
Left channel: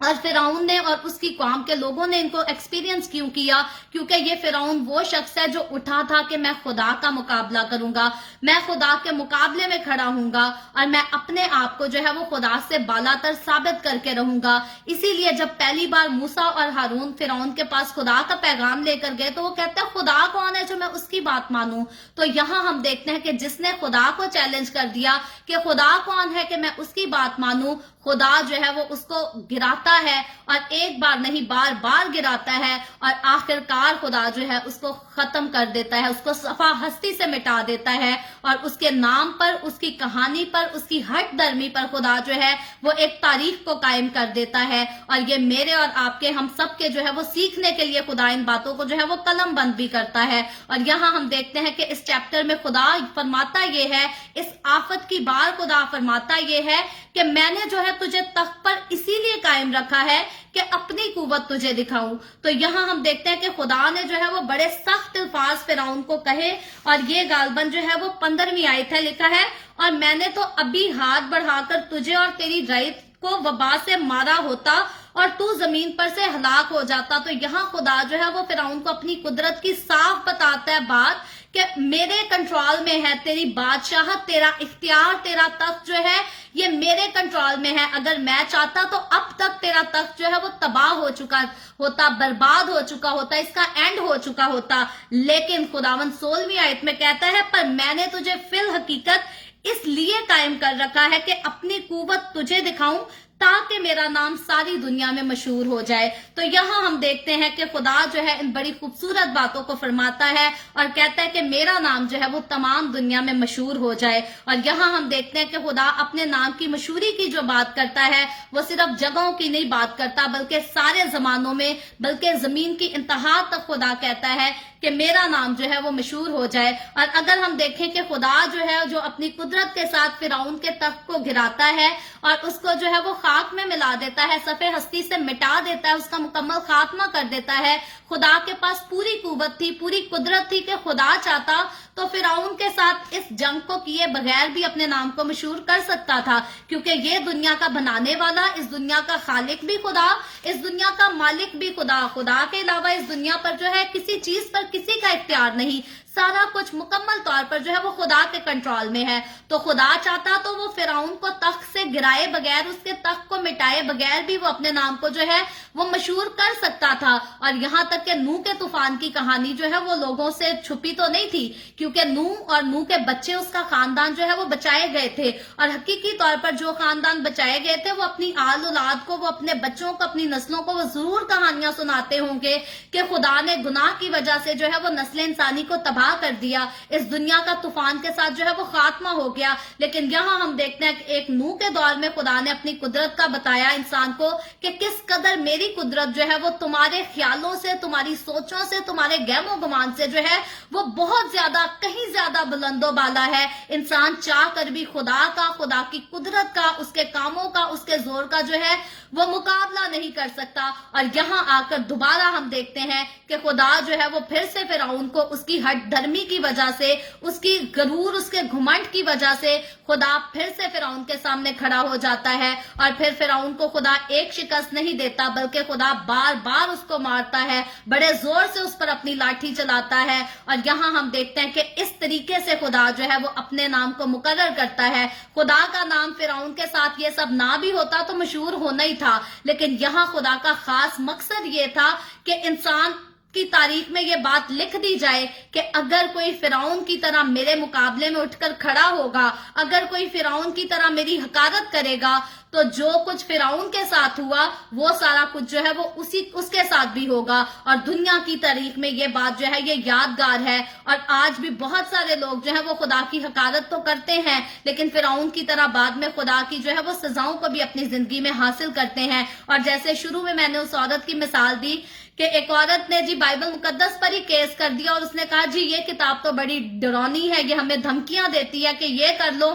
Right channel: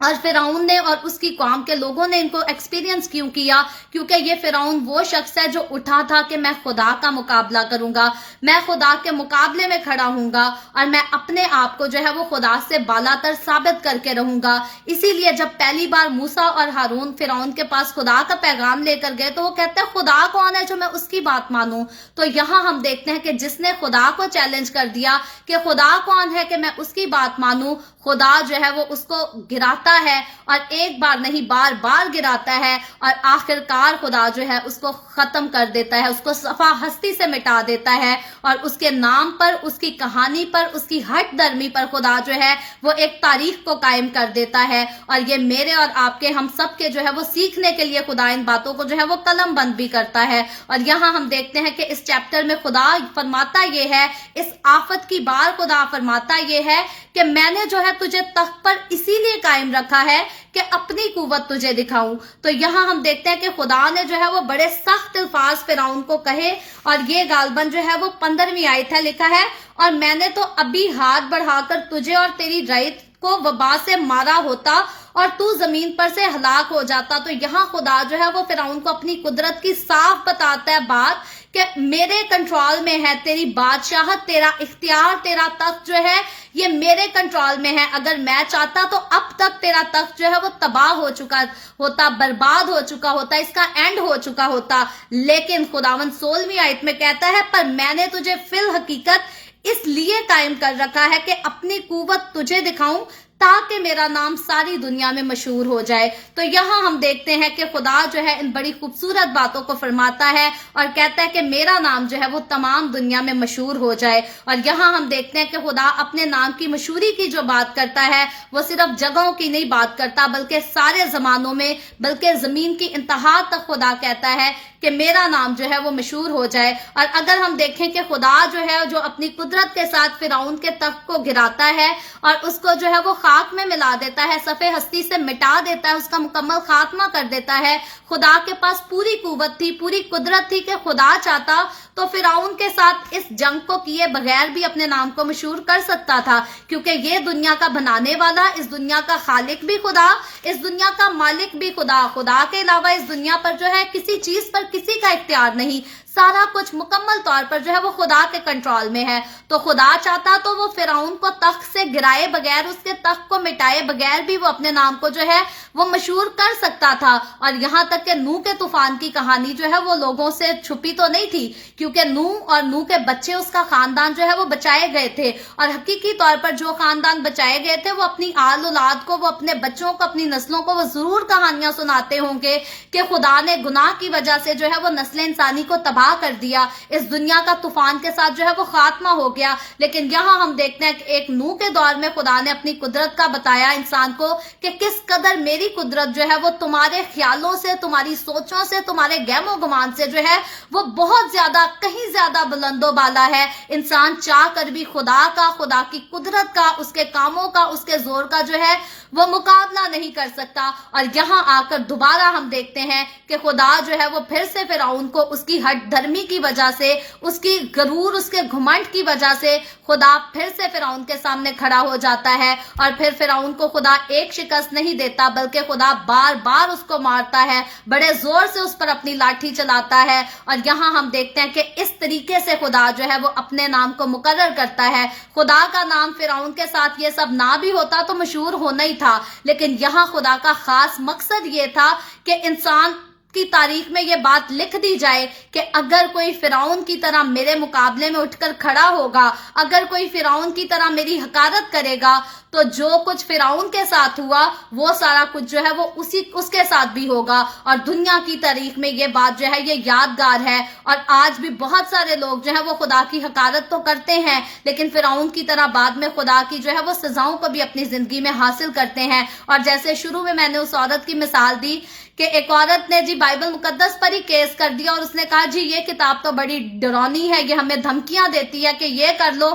اور فرعون نے اور اس کی قوم کے لوگوں نے ان کو ایکسپیرینس کیوں کیا؟ کیونکہ یہ فرعون وہ شخص ہے جو اٹھا تھا کہ میں خدا کا مقابلہ کروں گا، میں خدا کے مقابلے میں کھڑا ہوں گا، اور میں اپنے آپ کو جو ہے وہ خدا سے بالا تر ثابت کر کے رہوں گا۔ اسی لیے جب پہلی بار موسیٰ اور ہارون فرعون کے پاس خدا کا پیغام لے کر گئے تو وہ کہتے ہیں خدا کون ہے جو میں اس کی بات مانوں؟ تو یہاں ہم دیکھتے ہیں کہ جس نے خدا کو چیلنج کر دیا کہ خدا کون ہے کہ میں اس کی بات مانوں، خدا جو ہے وہ اس کو گراتا ہے، اور ایک بار نہیں بار بار گراتا ہے، اور آخرکار خدا جو ہے اس کو ختم کر دیتا ہے، اس کو صفحہ ہستی سے مٹا دیتا ہے، اور اس کے نام پر، اس کی کہانی پر، اس کی ہٹ درمی پر خدا جو ہے وہ ایک تاریخ کو قائم کر دیتا ہے۔ اور یہ میرے اور آپ کے، ہم سب کے جو ہے وہ سیکھنے کے لیے خدا ان باتوں کو جو ہے وہ قلم بند بھی کرتا ہے۔ اور یہاں ہم دیکھتے ہیں کہ اس چیپٹر میں خدا فرماتا یہ ہے، اس آفت کی بار خدا فرماتا یہ ہے کہ میں نے جو ہے تجھے تخت پر اسی لیے قائم رکھا ہے کہ اپنی قوت تجھے دکھاؤں۔ تو یہاں ہم دیکھتے ہیں کہ خدا نے جو ہے وہ بڑے سخت الفاظ فرعون کو کہے، اور یہ غالباً جو ہے وہ 15ویں آیت ہے، لکھا ہے اور میں نے تو ابھی ہاتھ بڑھا کر تجھے اور تیری رعیت کو وبا سے مارا ہوتا اور تو زمین پر سے ہلاک ہو جاتا. تو یہاں خدا جو ہے وہ فرعون کو اپنی قدرت کی صاف بتاتا ہے بات کہ میرے کنٹرول میں ہے تیری بادشاہت، تیرا اختیار، تیرا تخت جو ہے یہ میرے کنٹرول میں ہے. اگر میں چاہتا تو اب تک تیرا تخت جو ہے وہ تباہ ہو چکا ہوتا، برباد ہو چکا ہوتا، اس کا اینڈ ہو چکا ہوتا. لیکن خداوند 16ویں آیت میں کہتا ہے پر میں نے تجھے فی الحقیقت اس لیے قائم کر رکھا ہے کہ اپنی قوت تجھے دکھاؤں تاکہ میرا نام ساری دنیا میں مشہور ہو جائے. تو یہاں ہم دیکھتے ہیں کہ خدا جو ہے ان بڑی خوبصورت باتوں کو فرماتا ہے اور کہتا ہے کہ میرا نام جو ہے وہ تمام دنیا میں مشہور ہو جائے. اور یہاں ہم دیکھتے ہیں کہ خدا اپنے نام کی مشہوری کی جو بات کرتا ہے وہ صرف جگہوں کی نہیں بات کرتا بلکہ سارے زمانوں میں، بلکہ زمین کی انتہا تک خدا کہتا ہے کہ میرا نام جو ہے وہ مشہور ہو جائے. اور اگر ہم دیکھیں کہ خدا جو ہے جو اپنی قدرت کے ساتھ فرعون کے تخت کو گراتا ہے اور اس کو جو ہے وہ خاک میں ملا دیتا ہے، صفحے ہستی سے مٹا دیتا ہے، اس کا مکمل خاتمہ کر دیتا ہے. خدا کے پاس پوری قوت تھی، پوری قدرت تھی کہ خدا چاہتا تو فرعون کے ساتھ اس جنگ کو کیے بغیر بھی اپنے نام کو مشہور کر سکتا تھا، کیونکہ یہ دنیا کا بنانے والا، اس دنیا کا خالق بھی خدا، اس دنیا کا مالک بھی خدا. خدا کے علاوہ اس دنیا پر جو ہے کسی چیز پر کسی کا اختیار نہیں، سارا کچھ مکمل طور پر جو ہے وہ خدا کے کنٹرول میں ہے. تو خدا چاہتا تو وہ فرعون کو تخت سے گرائے بغیر، اس کے تخت کو مٹائے بغیر بھی وہ اپنے نام کو جو ہے وہ مشہور کر سکتا تھا. اور یہاں تک کہ نوح کے طوفان کی کہانی جو ہے وہ لوگوں سے چھپی تو نہیں تھی، کیونکہ نوح اور نوح کے بچے، اس کا خاندان جو ہے وہ بچائے گئے تھے. اور حقیقی طور پر جو خاندان بچائے گئے تھے وہ اپنی آل اولاد کو، وہ اپنے بچوں کو، اپنی نسلوں کو وہ ضرور کہانیاں سناتے ہوں گے کہ خدا نے گناہ کی وجہ سے جو ہے وہ نسل انسانی کو تباہ کر دیا، اس دنیا کا طوفان کے ساتھ جو ہے وہ خاتمہ ہو گیا. لیکن یہاں ہم دیکھتے ہیں کہ ایک نوح کے دور میں خدا نے اپنی قدرت کا بتایا انسان کو کہ کس قدر میری قدرت جو ہے وہ تمہارے خیالوں سے، تمہاری سوچوں سے، تمہارے گہم و گمان سے جو ہے وہ بہت زیادہ، کہیں زیادہ بلند و بالا ہے. انسان چاہ کر بھی خدا کا، خدا کی قدرت کا، اس کے کاموں کا، اس کے زور کا جو ہے وہ مقابلہ نہیں کر سکتا. اور یہاں آ کر دوبارہ ہم دیکھتے ہیں کہ خدا جو ہے وہ پھر سے فرعون کو اس کی ہٹ دھرمی کی وجہ سے، اس کی غرور، اس کے گھمنڈ کی وجہ سے خدا پھر سے فرعون کے سامنے کھڑا ہو جاتا ہے. اور پھر فرعون کو خدا ایک شکست نہیں دیتا بلکہ خدا بار بار اس کو مارتا ہے، بڑے زور سے اس پر اپنی لاٹھی چلاتا ہے. اور یہاں ہم دیکھتے ہیں کہ اس طریقے سے خدا جو ہے وہ اپنے نام کو مقرر کرتا ہے. خدا کا نام فرعون کے ساتھ یہ سب نہ بھی ہوتا تو مشہور ہونا ہی تھا، لیکن یہاں خدا کا خاص مقصد یہ تھا کہ انسان کی تاریخ میں یہ بات لکھ دی جائے کہ اگر کوئی فرعون کی طرح میرے مقابلے میں اٹھ کر کھڑا ہوگا، اگر کوئی فرعون کی طرح میری حقارت کرے گا تو جو کچھ فرعون کے ساتھ ہوا وہ سارا کچھ جو ہے وہ اس کے ساتھ بھی ہوگا. اور دنیا کی تاریخ میں یہ بات جو ہے یہ یادگار ہے. اور آج بھی بہت سارے لوگ جو ہے وہ خدا کی حقارت تو کرتے ہیں لیکن فرعون کی طرح بعد میں خدا کی جو ہے وہ سزاؤں کو بھی اپنی زندگی میں حاصل کرتے ہیں. اور جیسے شروع میں نے اس عورت کی مثال دی کہ ایک عورت نے جی بائبل مقدس پر ہی کیس کر دیا اور اس نے کہا جی یہ کتاب تو بڑی ڈرونی ہے، یہ ہمیں دھمکیاں دیتی ہے کہ یہ کر لو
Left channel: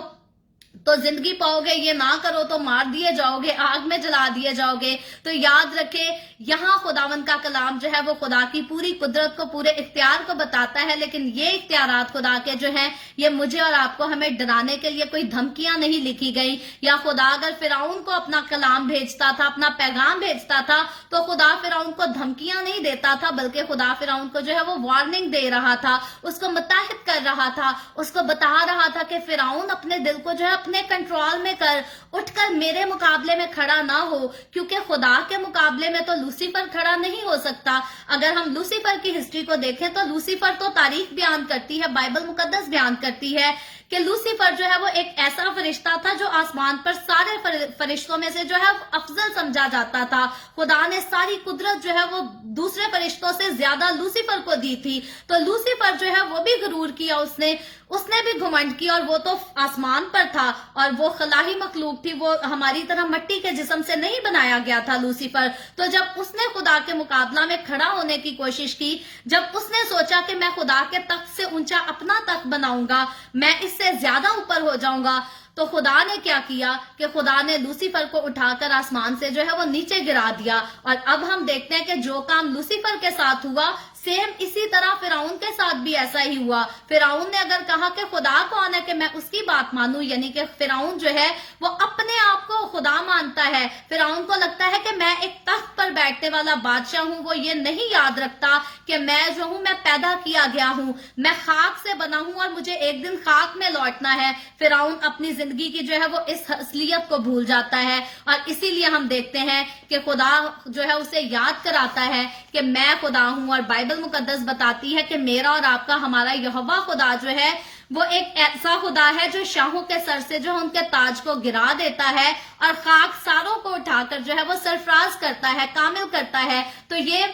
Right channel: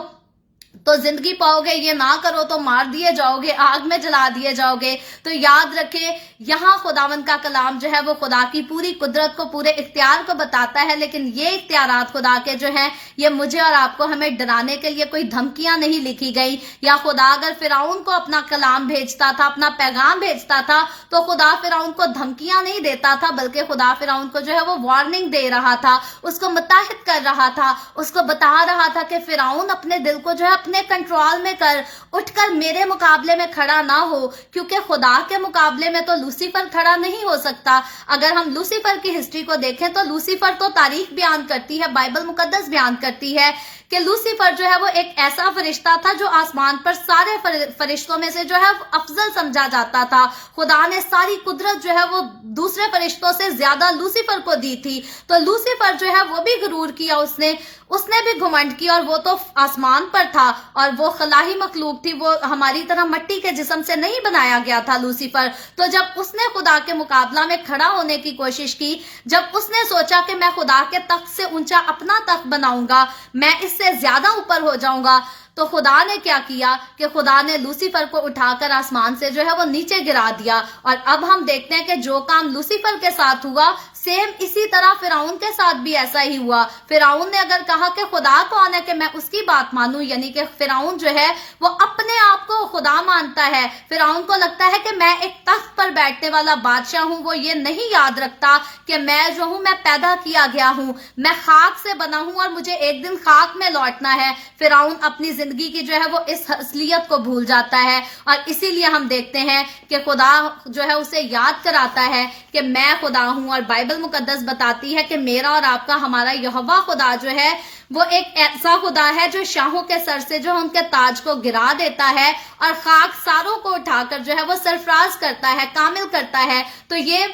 تو زندگی پاؤ گے، یہ نہ کرو تو مار دیے جاؤ گے، آگ میں جلا دیے جاؤ گے. تو یاد رکھے یہاں خداوند کا کلام جو ہے وہ خدا کی پوری قدرت کو، پورے اختیار کو بتاتا ہے، لیکن یہ اختیارات خدا کے جو ہیں یہ مجھے اور آپ کو ہمیں ڈرانے کے لیے کوئی دھمکیاں نہیں لکھی گئی. یا خدا اگر فرعون کو اپنا کلام بھیجتا تھا، اپنا پیغام بھیجتا تھا تو خدا فرعون کو دھمکیاں نہیں دیتا تھا بلکہ خدا فرعون کو جو ہے وہ وارننگ دے رہا تھا، اس کو متحد کر رہا تھا، اس کو بتا رہا تھا کہ فرعون اپنے دل کو جو ہے اپنے کنٹرول میں کر، اٹھ کر میرے مقابلے میں کھڑا نہ ہو، کیونکہ خدا کے مقابلے میں تو لوسیفر کھڑا نہیں ہو سکتا. اگر ہم لوسیفر کی ہسٹری کو دیکھیں تو لوسیفر تو تاریخ بیان کرتی ہے، بائبل مقدس بیان کرتی ہے کہ لوسیفر جو ہے وہ ایک ایسا فرشتہ تھا جو آسمان پر سارے فرشتوں میں سے جو ہے افضل سمجھا جاتا تھا. خدا نے ساری قدرت جو ہے وہ دوسرے فرشتوں سے زیادہ لوسیفر کو دی تھی. تو لوسیفر جو ہے وہ بھی غرور کیا، اس نے بھی گھمنڈ کی، اور وہ تو آسمان پر تھا اور وہ خلائی مخلوق تھی، وہ ہماری طرح مٹی کے جسم سے نہیں بنایا گیا تھا لوسیفر. تو جب اس نے خدا کے مقابلہ میں کھڑا ہونے کی کوشش کی، جب اس نے سوچا کہ میں خدا کے تخت سے اونچا اپنا تخت بناؤں گا، میں اس سے زیادہ اوپر ہو جاؤں گا، تو خدا نے کیا کیا کہ خدا نے لوسیفر کو اٹھا کر آسمان سے جو ہے وہ نیچے گرا دیا. اور اب ہم دیکھتے ہیں کہ جو کام لوسیفر کے ساتھ ہوا سیم اسی طرح فرعون کے ساتھ بھی ایسا ہی ہوا. فرعون نے اگر کہا کہ خدا کون ہے کہ میں اس کی بات مانوں، یعنی کہ فرعون جو ہے وہ اپنے آپ کو خدا مانتا ہے. فرعون کو لگتا ہے کہ میں ایک تخت پر بیٹھنے والا بادشاہ ہوں. وہ یہ نہیں یاد رکھتا کہ میں جو ہوں میں پیدا کیا گیا ہوں، میں خاک سے بنا ہوں اور مجھے ایک دن خاک میں لوٹنا ہے. فرعون اپنی زندگی کی جو ہے وہ اس اصلیت کو بھول جاتا ہے، اور اسی لیے ہم دیکھتے ہیں کہ خدا جو ہے اسے یاد کراتا ہے کہ میں خدا ہوں. اور بائبل مقدس بتاتی ہے کہ میرا اور آپ کا ہمارا یہوہ خدا جو ہے وہ ایک ایسا خدا ہے جو شاہوں کے سر سے جو ان کے تاج کو گرا دیتا ہے اور خاک ساروں کو اٹھا کر جو ہے وہ سرفراز کرتا ہے، کامل کرتا ہے. تو یہ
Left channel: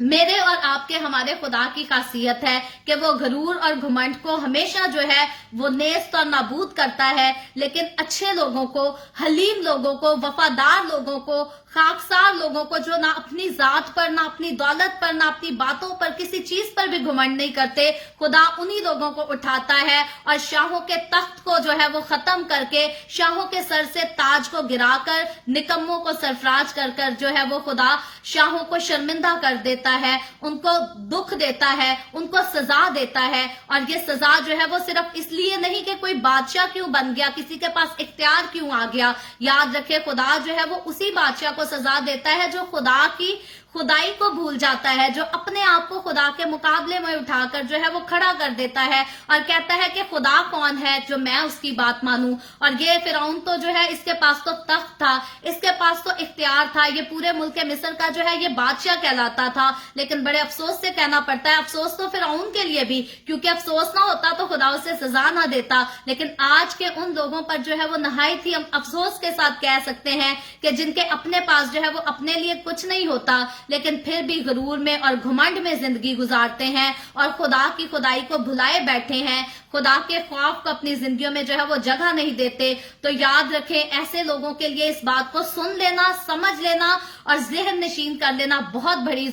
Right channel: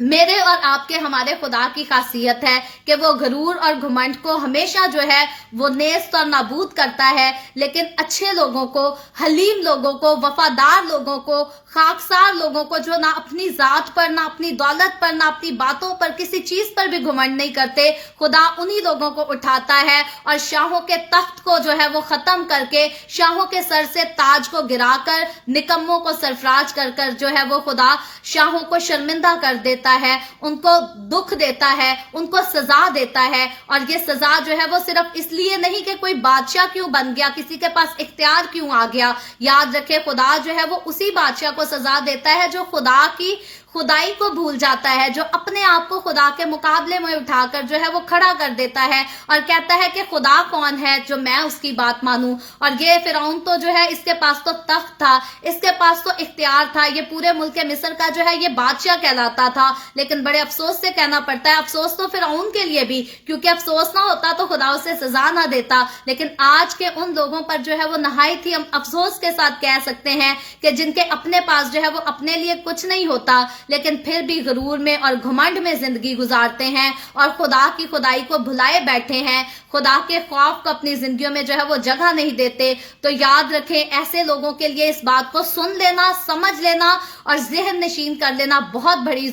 میرے اور آپ کے ہمارے خدا کی خاصیت ہے کہ وہ غرور اور گھمنڈ کو ہمیشہ جو ہے وہ نیست اور نابود کرتا ہے، لیکن اچھے لوگوں کو، حلیم لوگوں کو، وفادار لوگوں کو، خاکسار لوگوں کو جو نہ اپنی ذات پر، نہ اپنی دولت پر، نہ اپنی باتوں پر، کسی چیز پر بھی گھمنڈ نہیں کرتے، خدا انہی لوگوں کو اٹھاتا ہے اور شاہوں کے تخت کو جو ہے وہ ختم کر کے، شاہوں کے سر سے تاج کو گرا کر، نکموں کو سرفراز کر کر جو ہے وہ خدا شاہوں کو شرمندہ کر دیتا ہے، ان کو دکھ دیتا ہے، ان کو سزا دیتا ہے. اور یہ سزا جو ہے وہ صرف اس لیے نہیں کہ کوئی بادشاہ کیوں بن گیا، کسی کے پاس اختیار کیوں آ گیا. یاد رکھے خدا جو ہے وہ اسی بادشاہ کو سزا دیتا ہے جو خدا کی خدائی کو بھول جاتا ہے، جو اپنے آپ کو خدا کے مقابلے میں اٹھا کر جو ہے وہ کھڑا کر دیتا ہے اور کہتا ہے کہ خدا کون ہے جو میں اس کی بات مانوں. اور یہ فرعون تو جو ہے اس کے پاس تو تخت تھا، اس کے پاس تو اختیار تھا، یہ پورے ملک مصر کا جو ہے یہ بادشاہ کہلاتا تھا. لیکن بڑے افسوس سے کہنا پڑتا ہے، افسوس تو فرعون کے لیے بھی، کیونکہ افسوس نہ ہوتا تو خدا اسے سزا نہ دیتا. لیکن آج کے ان لوگوں پر جو ہے وہ نہایت ہی ہم افسوس کے ساتھ کہہ سکتے ہیں کہ جن کے اپنے پاس جو ہے وہ اپنے لیے کچھ نہیں ہوتا، لیکن پھر بھی غرور میں اور گھمنڈ میں زندگی گزارتے ہیں اور خدا کی خدائی کو بھلائے بیٹھے ہیں، خدا کے خوف کو اپنی زندگیوں میں جو ہے وہ جگہ نہیں دیتے. تو یاد رکھیں ایسے لوگوں کے لیے اس بات کو سن لینا، سمجھ لینا اور ذہن نشین کر لینا بہت بڑی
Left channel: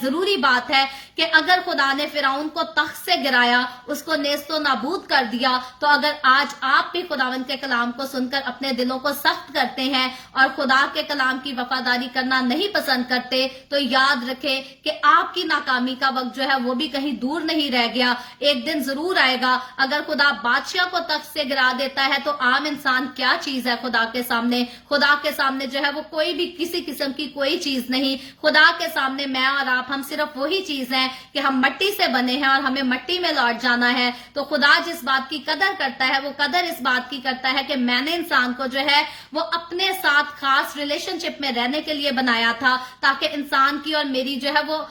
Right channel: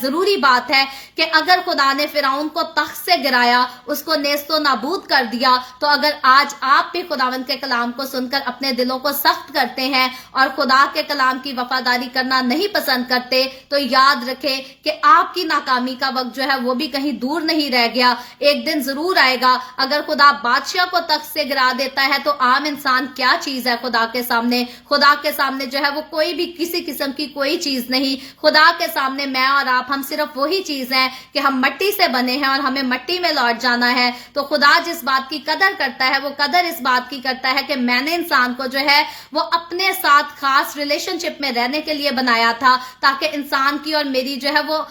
ضروری بات ہے کہ اگر خدا نے فرعون کو تخت سے گرایا، اس کو نیست و نابود کر دیا، تو اگر آج آپ بھی خداوند کے کلام کو سن کر اپنے دلوں کو سخت کرتے ہیں اور خدا کے کلام کی وفاداری کرنا نہیں پسند کرتے، تو یاد رکھیں کہ آپ کی ناکامی کا وقت جو ہے وہ بھی کہیں دور نہیں رہ گیا. ایک دن ضرور آئے گا. اگر خدا بادشاہ کو تخت سے گرا دیتا ہے تو عام انسان کیا چیز ہے خدا کے سامنے؟ خدا کے سامنے جو ہے وہ کوئی بھی کسی قسم کی کوئی چیز نہیں. خدا کے سامنے میں اور آپ ہم صرف وہی چیز ہیں کہ ہم مٹی سے بنے ہیں اور ہمیں مٹی میں لوٹ جانا ہے. تو خدا جس بات کی قدر کرتا ہے وہ قدر اس بات کی کرتا ہے کہ میں نے انسان کو جو ہے وہ اپنے ساتھ خاص ریلیشن شپ میں رہنے کے لیے بنایا تھا، تاکہ انسان کی اور میری جو ہے وہ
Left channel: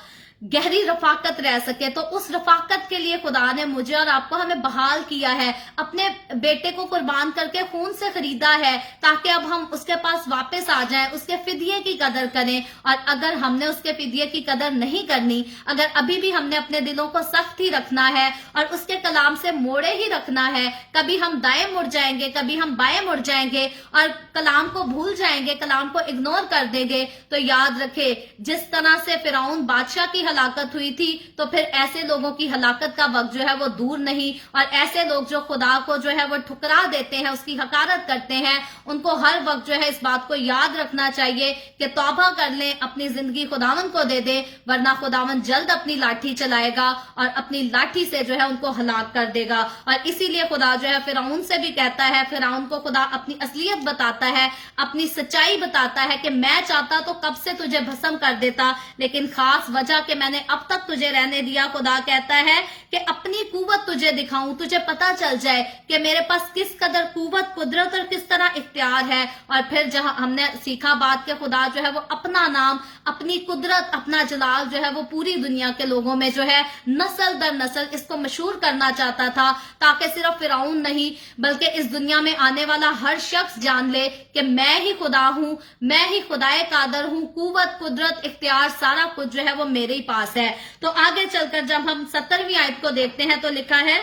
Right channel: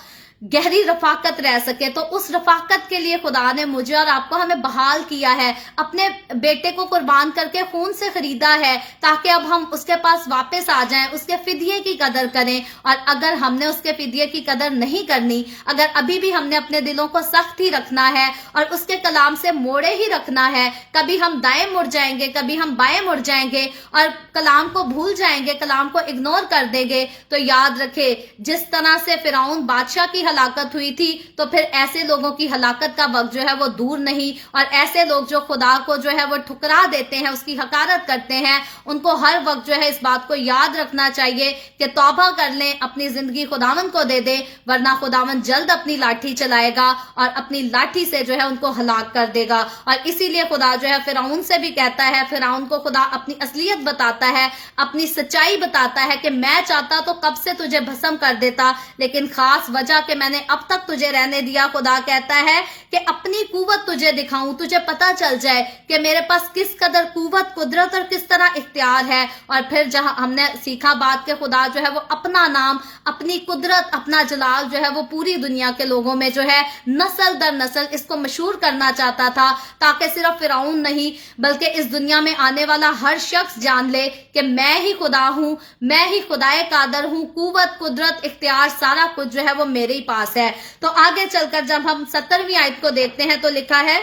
گہری رفاقت رہ سکے. تو اس رفاقت کے لیے خدا نے مجھے اور آپ کو ہمیں بحال کیا ہے، اپنے بیٹے کو قربان کر کے خون سے خریدا ہے، تاکہ اب ہم اس کے پاس واپس آ جائیں، اس کے فدیے کی قدر کریں. اور اگر ہم نے اس کے فدیے کی قدر نہیں کرنی، اگر ابھی بھی ہم نے اپنے دلوں کو سخت ہی رکھنا ہے اور اس کے کلام سے موڑے ہی رکھنا ہے، کبھی ہم دائیں مڑ جائیں گے، کبھی ہم بائیں مڑ جائیں گے اور کلام کو بھول جائیں گے، کلام کو اگنور کر دیں گے، تو یاد رکھے جس طرح سے فرعون بادشاہ کی ہلاکت ہوئی تھی، تو پھر ایسے لوگوں کی ہلاکت کا وقت جو ہے وہ دور نہیں. اور ایسے لوگ جو خدا کو جو ہے وہ ٹھکرا دیتے ہیں، اس کی حقارت کرتے ہیں، ان کو ہر وقت جو ہے اس بات کو یاد رکھنا چاہیے کہ توبہ کر لیں، اپنی زندگی خداوند کو دے دیں، ورنہ خداوند جلد اپنی لاٹھی چلائے گا اور اپنی لاٹھی سے جو ہے ان کو ہلاک کر دے گا. اور اسی لیے خدا جو ہے فرعون سے بھی کہتا ہے، فرعون کو خدا اپنی اصلیت بتاتا ہے، اپنی سچائی بتاتا ہے کہ میں چاہتا تو کب سے تجھے بھسم کر دیتا، لیکن خاص وجہ کہ میں نے اب تک تجھے رہنے دیا. خدا کہتا ہے کہ اپنی قوت تجھے دکھاؤں، تجھے پتا چل جائے کہ میرے پاس کس قدر قوت، قدرت اور کس طرح اختیار ہے. اور پھر جہاں ہم نے سیکھا بات کہ خدا جو ہے وہ اپنا نام، اپنی قدرت، اپنا جلال جو ہے وہ پوری دنیا کے لوگوں میں جو ہے نسل در نسل اس کو مشہور کرنا چاہتا تھا، تاکہ صرف فرعون نہیں بلکہ اس دنیا میں آنے والا ہر شخص جان لے کہ میں ہی خدا ہوں، میں ہی خدائے قادر ہوں، قوت، قدرت، اختیار، سارا کچھ جو ہے وہ میرے ہی پاس ہے. تو آگے چل کر جب ہم 70ویں آیت کو دیکھتے ہیں تو لکھا ہے،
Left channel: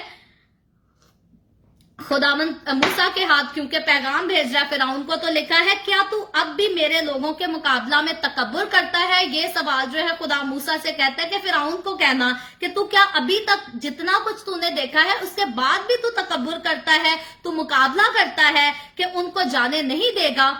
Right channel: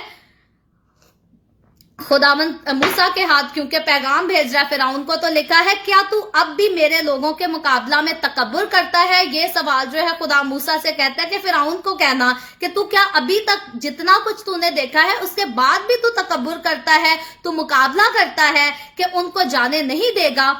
खुदावंद मूसा के हाथ क्योंकि पैगाम भेज रहा है फिरौन को, तो लिखा है क्या तू अब भी मेरे लोगों के मुकाबला में तकब्बुर करता है। ये सवाल जो है खुदा मूसा से कहता है कि फिरौन को कहना कि तू क्या अभी तक जितना कुछ तूने देखा है उसके बाद भी तू तकब्बुर करता है, तू मुकाबला करता है कि उनको जाने नहीं देगा।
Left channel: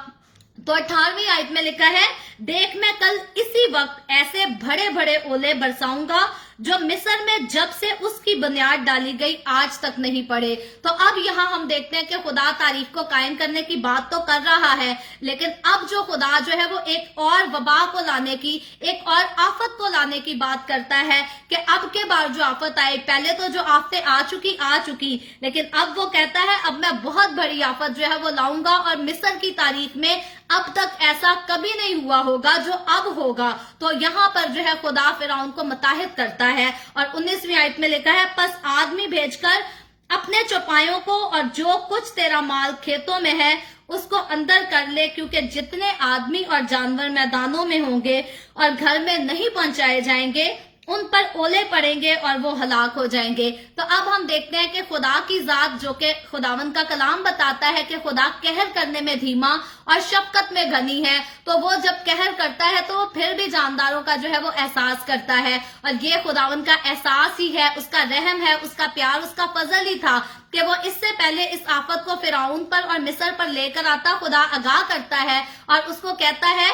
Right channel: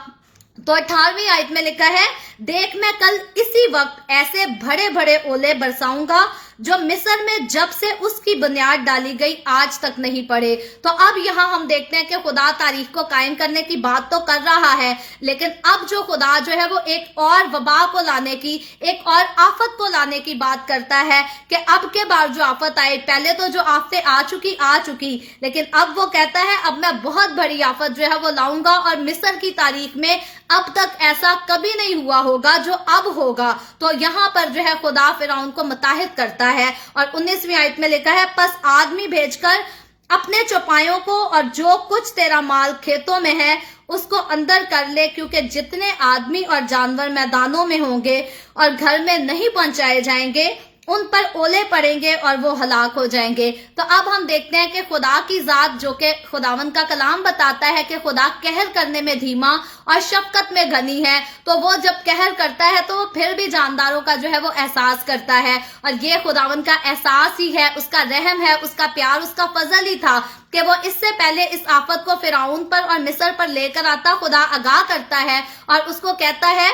तो 18वीं आयत में लिखा है, देख मैं कल इसी वक्त ऐसे बड़े बड़े ओले बरसाऊंगा जो मिस्र में जब से उसकी बुनियाद डाली गई आज तक नहीं पड़े। तो अब यहाँ हम देखते हैं कि खुदा तारीख को कायम करने की बात तो कर रहा है, लेकिन अब जो खुदा जो है वो एक और वबा को लाने की, एक और आफत को लाने की बात करता है कि अब के बाद जो आफत आए, पहले तो जो आफतें आ चुकी, लेकिन अब वो कहता है अब मैं बहुत बड़ी आफत जो है वो लाऊंगा और मिस्र की तारीख में अब तक ऐसा कभी नहीं हुआ होगा जो अब होगा। तो यहाँ पर जो है खुदा फिरौन को मुताहिद करता है और 19वीं आयत में लिखा है, पस आदमी भेजकर अपने चौपायों को और जो कुछ तेरा माल खेतों में है उसको अंदर कर ले, क्योंकि जितने आदमी और जानवर मैदानों में होंगे और घर में नहीं पहुंचाए जाएंगे उन पर ओले पड़ेंगे और वो हलाक हो जाएंगे। तो अब हम देखते हैं कि खुदा की जात जो कि खुदावंद का कलाम बताता है कि खुदा कहर करने में धीमा और शफकत में घनी है, तो वो जब कहर करता है तो वो फिर भी जानदारों का जो है वो एहसास करता है। और ये खुदावंद का एहसास ही है, उसका रहम है, उसका प्यार, उसका फजल ही था कि वो इससे पहले इस आफत को फिरौन पर और मिस्र पर लेकर आता। खुदा आगाह करता है और उसको कहता है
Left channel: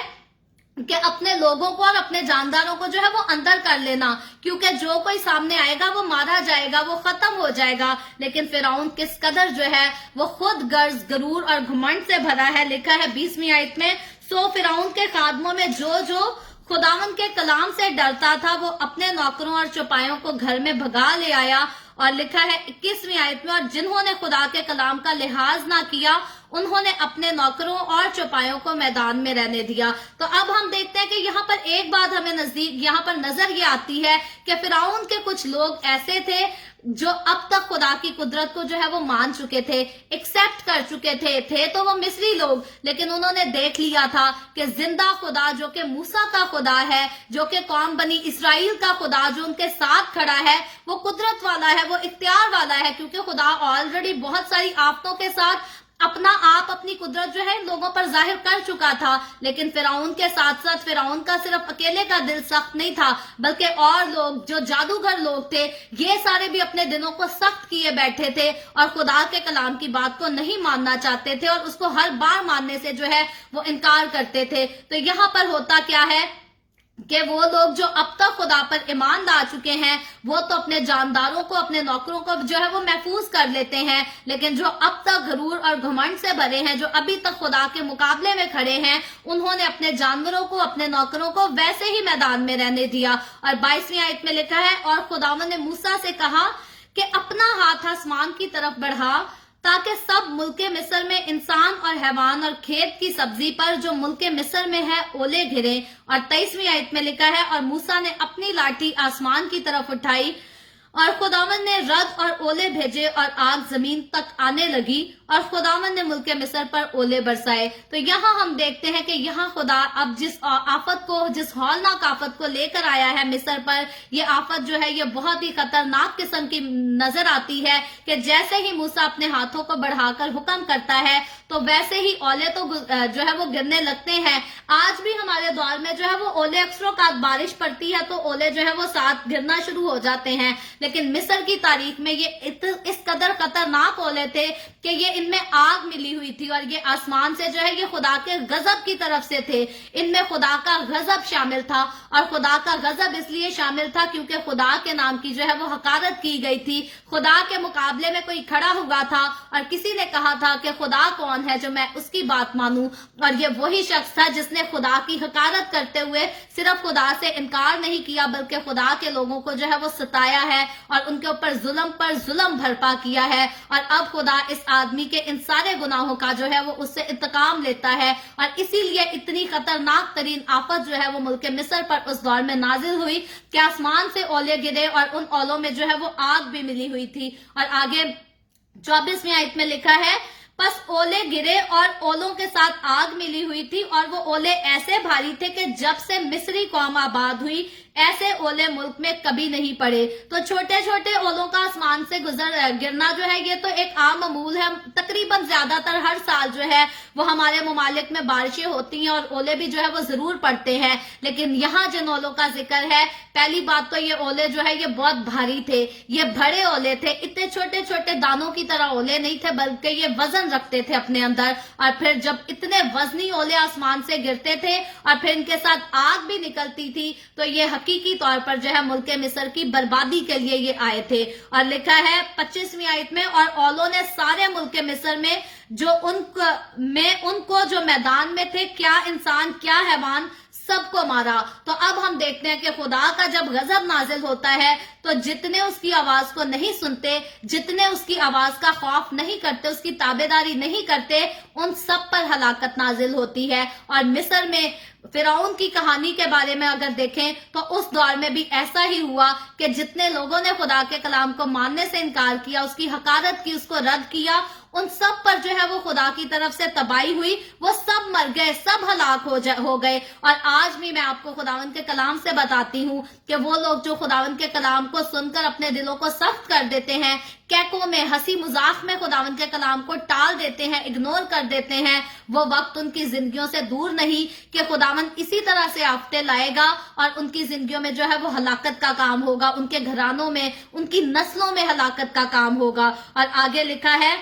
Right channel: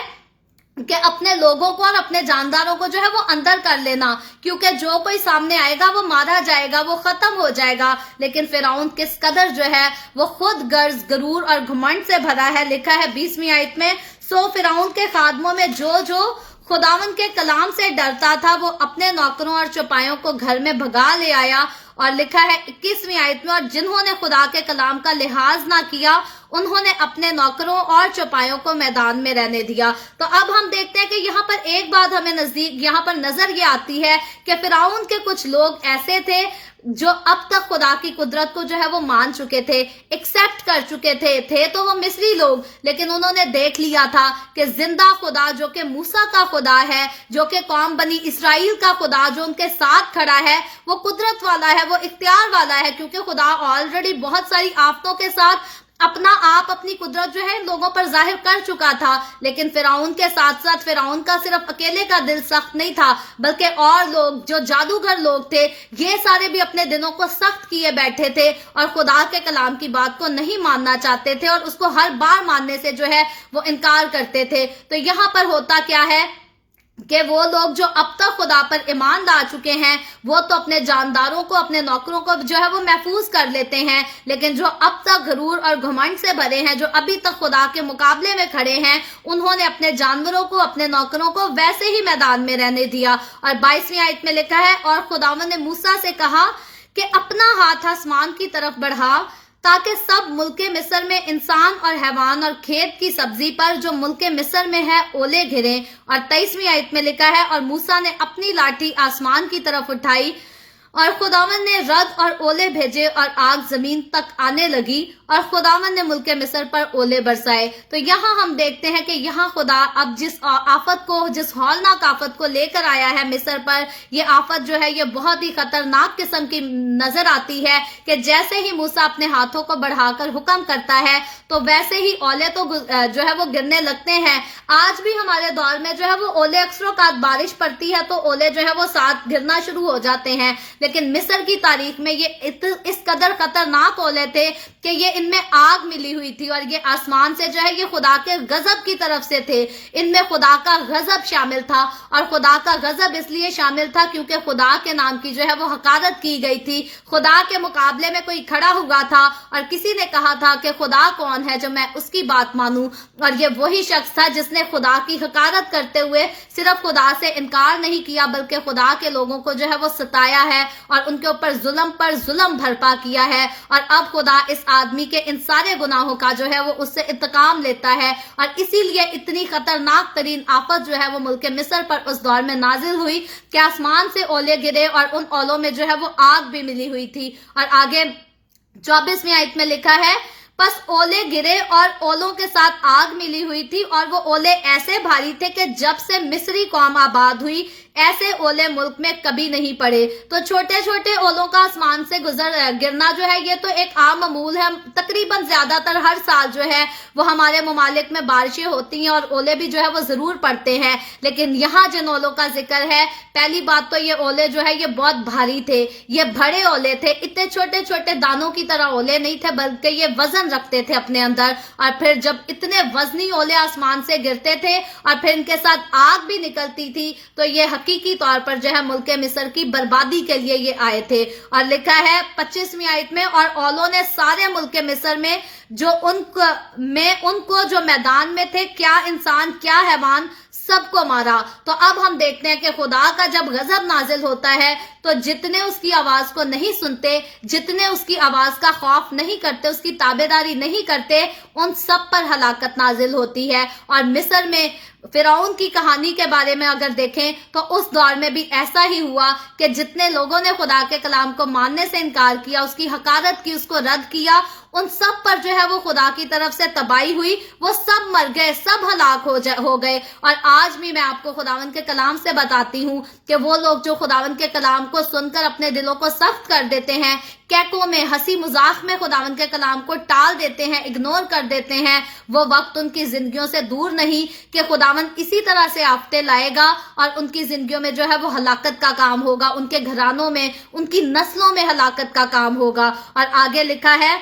कि अपने लोगों को और अपने जानदारों को जो है वो अंदर कर लेना, क्योंकि जो कोई सामने आएगा वो मारा जाएगा, वो खत्म हो जाएगा। लेकिन फिरौन किस कदर जो है वो खुद गर्ज, गरूर और घमंड से भरा है। लिखा है 20वीं आयत में, सो फिरौन के खादमों में जो खुदावंद के कलाम से डरता था वो अपने नौकरों और चौपायों को घर में भगा ले आया। और लिखा है 21वीं आयत में, और जिन्होंने खुदा के कलाम का लिहाज ना किया उन्होंने अपने नौकरों और चौपायों को मैदान में रहने दिया। तो अब हम देखते हैं कि यहाँ पर एक बात हमें यहाँ पर नजर ये आती है कि फिरौन के कुछ लोग ऐसे थे जो अब तक खुदा की कुदरत को जो है वो मान चुके थे, एक्सेप्ट कर चुके थे तो वो मिस्री लोग, लेकिन उन्होंने देख लिया था कि जिंदा खुदा जो कि मूसा का खुदा है, जो कि कौम बनी इसराइल का खुदा जो उनके साथ खड़ा है, वो कुदरत वाला है, वो इख्तियार वाला है, क्योंकि खुदा ऑलरेडी बहुत सारी आफतों के साथ अपना आप, अपनी कुदरत जो है इन लोगों पर जाहिर कर चुका था। लेकिन फिरौन के साथ साथ फिरौन का सिर्फ अकेले का दिल सख्त नहीं था, बल्कि और लोग जो जादूगर लोग थे ये सारे भी अपने दिलों को सख्त किए बैठे थे और खुदा के कलाम की बात को नहीं मानना चाहते थे और उसको हर बार मानने से जो है वो इनकार करते थे। तो यहाँ पर होता क्या है कि वो लोग जो अब तक खुदा पर ईमान ला चुके हैं वो तो अपने जानदारों को, अपने नौकरों को जो है वो महफूज कर लेते हैं, लेकिन जो अब तक गरूर और घमंड से भरे हैं, जो अभी तक खुदा के मुकाबले में खड़े हैं, उन्होंने अपने जानवरों को, अपने नौकरों को वैसे ही मैदान में रहने दिया। और 22वीं आयत में लिखा है, और खुदावंद ने मूसा से कहा कि अपना हाथ आसमान की तरफ बढ़ा ताकि सब मुल्के मिस्र में इंसान और हैवान और खेत की सब्जी पर जो मुल्के मिस्र में है ओले घिरे। और 23वीं आयत में लिखा है, और मूसा ने अपनी लाठी आसमान की तरफ उठाई और खुदावंद ने रद और ओले भेजे और आग जमीन तक आने लगी और खुदावंद ने मुल्के मिस्र पर ओले बरसाए। तो यहाँ हम देखते हैं कि यहाँ खुदा अब जिस आफत को, जिस हौलनाक आफत को लेकर आया है मिस्र पर, ये आफत जो है ये बहुत ही खतरनाक किस्म की नजर आती है कि जैसे ही मूसा अपने हाथों को बढ़ाकर हुक्म करता है तो वैसे ही ओले तो जो है वो गिरने लगते हैं। आज भी हमारे दौर में जो है वो ओले अक्सरों बारिश पड़ती है तो ओले जो है वो साथ गिरना शुरू हो जाते हैं, लेकिन मिस्र की तारीख में ये इस कदर खतरनाक ओले थे कि ये इनमें आग मिली हुई थी और ये आसमान से जो है ये खुदा के गजब की तरफ से थे। इनमें खुदा का गजब शामिल था और खुदा का गजब इसलिए शामिल था क्योंकि खुदा के नाम की जो है वो हकारत की गई थी। खुदा के मुकाबले में कोई खड़ा हुआ था और किसी ने कहा था कि खुदा कौन है जो मैं उसकी बात मानूं, और ये वही शख्स था जिसने खुदा की हकारत करते हुए सिर्फ खुदा से इनकार नहीं किया बल्कि खुदा के लोगों को जो है वो सताया है और उनके ऊपर जुल्म पर जुल्म भरपा किया है। और अब खुदा इस आदमी के इन सारे गुनाहों का जो है वो उससे इंतकाम लेता है और इसीलिए इतनी खतरनाक तरीन आफत जो है वो मुल्क मिस्र पर उस दौर में नाजिल हुई कि आसमान से ओले गिरे और उन ओलों में जो है वो आग भी मिली हुई थी। और आगे 24वीं आयत में लिखा है, बस ओले गिरे और ओलों के साथ आग मिली हुई थी और वो ओले ऐसे भारी थे कि जब से मिस्री कौम आबाद हुई ऐसे ओले मुल्क में कभी नहीं पड़े। तो छोटे छोटे ओलों का आसमान से गिरना जो है ये तो एक आम मामूल है। तकरीबन ज्यादातर हर साल जो है वो हमारे मुमालिक में बारिशें होती हैं और ओले भी जो है वो जरूर पड़ते हैं। लेकिन यहाँ जिन ओलों का जिक्र है, पहली बात तो ये ओले जो है ये बहुत भारी थे, ये बड़े ओले थे। इतने छोटे छोटे दानों की तरह ओले नहीं थे, बल्कि ये वजन रखते थे अपने अंदर। और फिर जब इतने वजनी ओले आसमान से गिरते थे और फिर इनके साथ आग भी निकलती थी, तो ये हकीकी तौर पर जो है मुल्क मिस्र की बर्बादी के लिए ये आए थे। और लिखा है 25वीं आयत में, और ओलों ने सारे मुल्क मिस्र में जो उनको जो मैदान में थे, क्या इंसान क्या हैवान, सबको मारा। तो अब हम देखते हैं कि खुदा का जब गजब नाजिल होता है तो जितने उसकी आवाज को नहीं सुनते, जितने उसकी आवाज का खौफ नहीं करते, उसकी ताबेदारी नहीं करते, उन सब पर हलाकत नाजिल होती है। और मिस्र में फिरौन की कहानी के बारे में अगर देखें तो उस दौर में भी ऐसा ही हुआ कि जितने लोगों ने खुदा के कलाम को मानने से इनकार किया, उसकी हकारत की, उसको रद्द किया, उन सब पर जो है वो खुदा की तरफ से तबाही हुई। वो सब मर गए, सब हलाक हो गए। और आज भी मैं आपको खुदावन के कलाम से बताती हूँ कि वो लोग जो खुदावन के कलाम को सुनकर अपने दिलों को सख्त कर देते हैं, कैकों में, हंसी मजाक में खुदावन के कलाम को टाल देते हैं, इग्नोर कर देते हैं, वो वक्त उनकी जिंदगियों से दूर नहीं कि खुदावन इसी तरह से आफते लाएगा और उनकी जिंदगियों में जो है वो हलाकत का काम होगा, उनके घरानों में, उनकी नस्लों में हलाकत का काम होगा। और आगे लिखा है,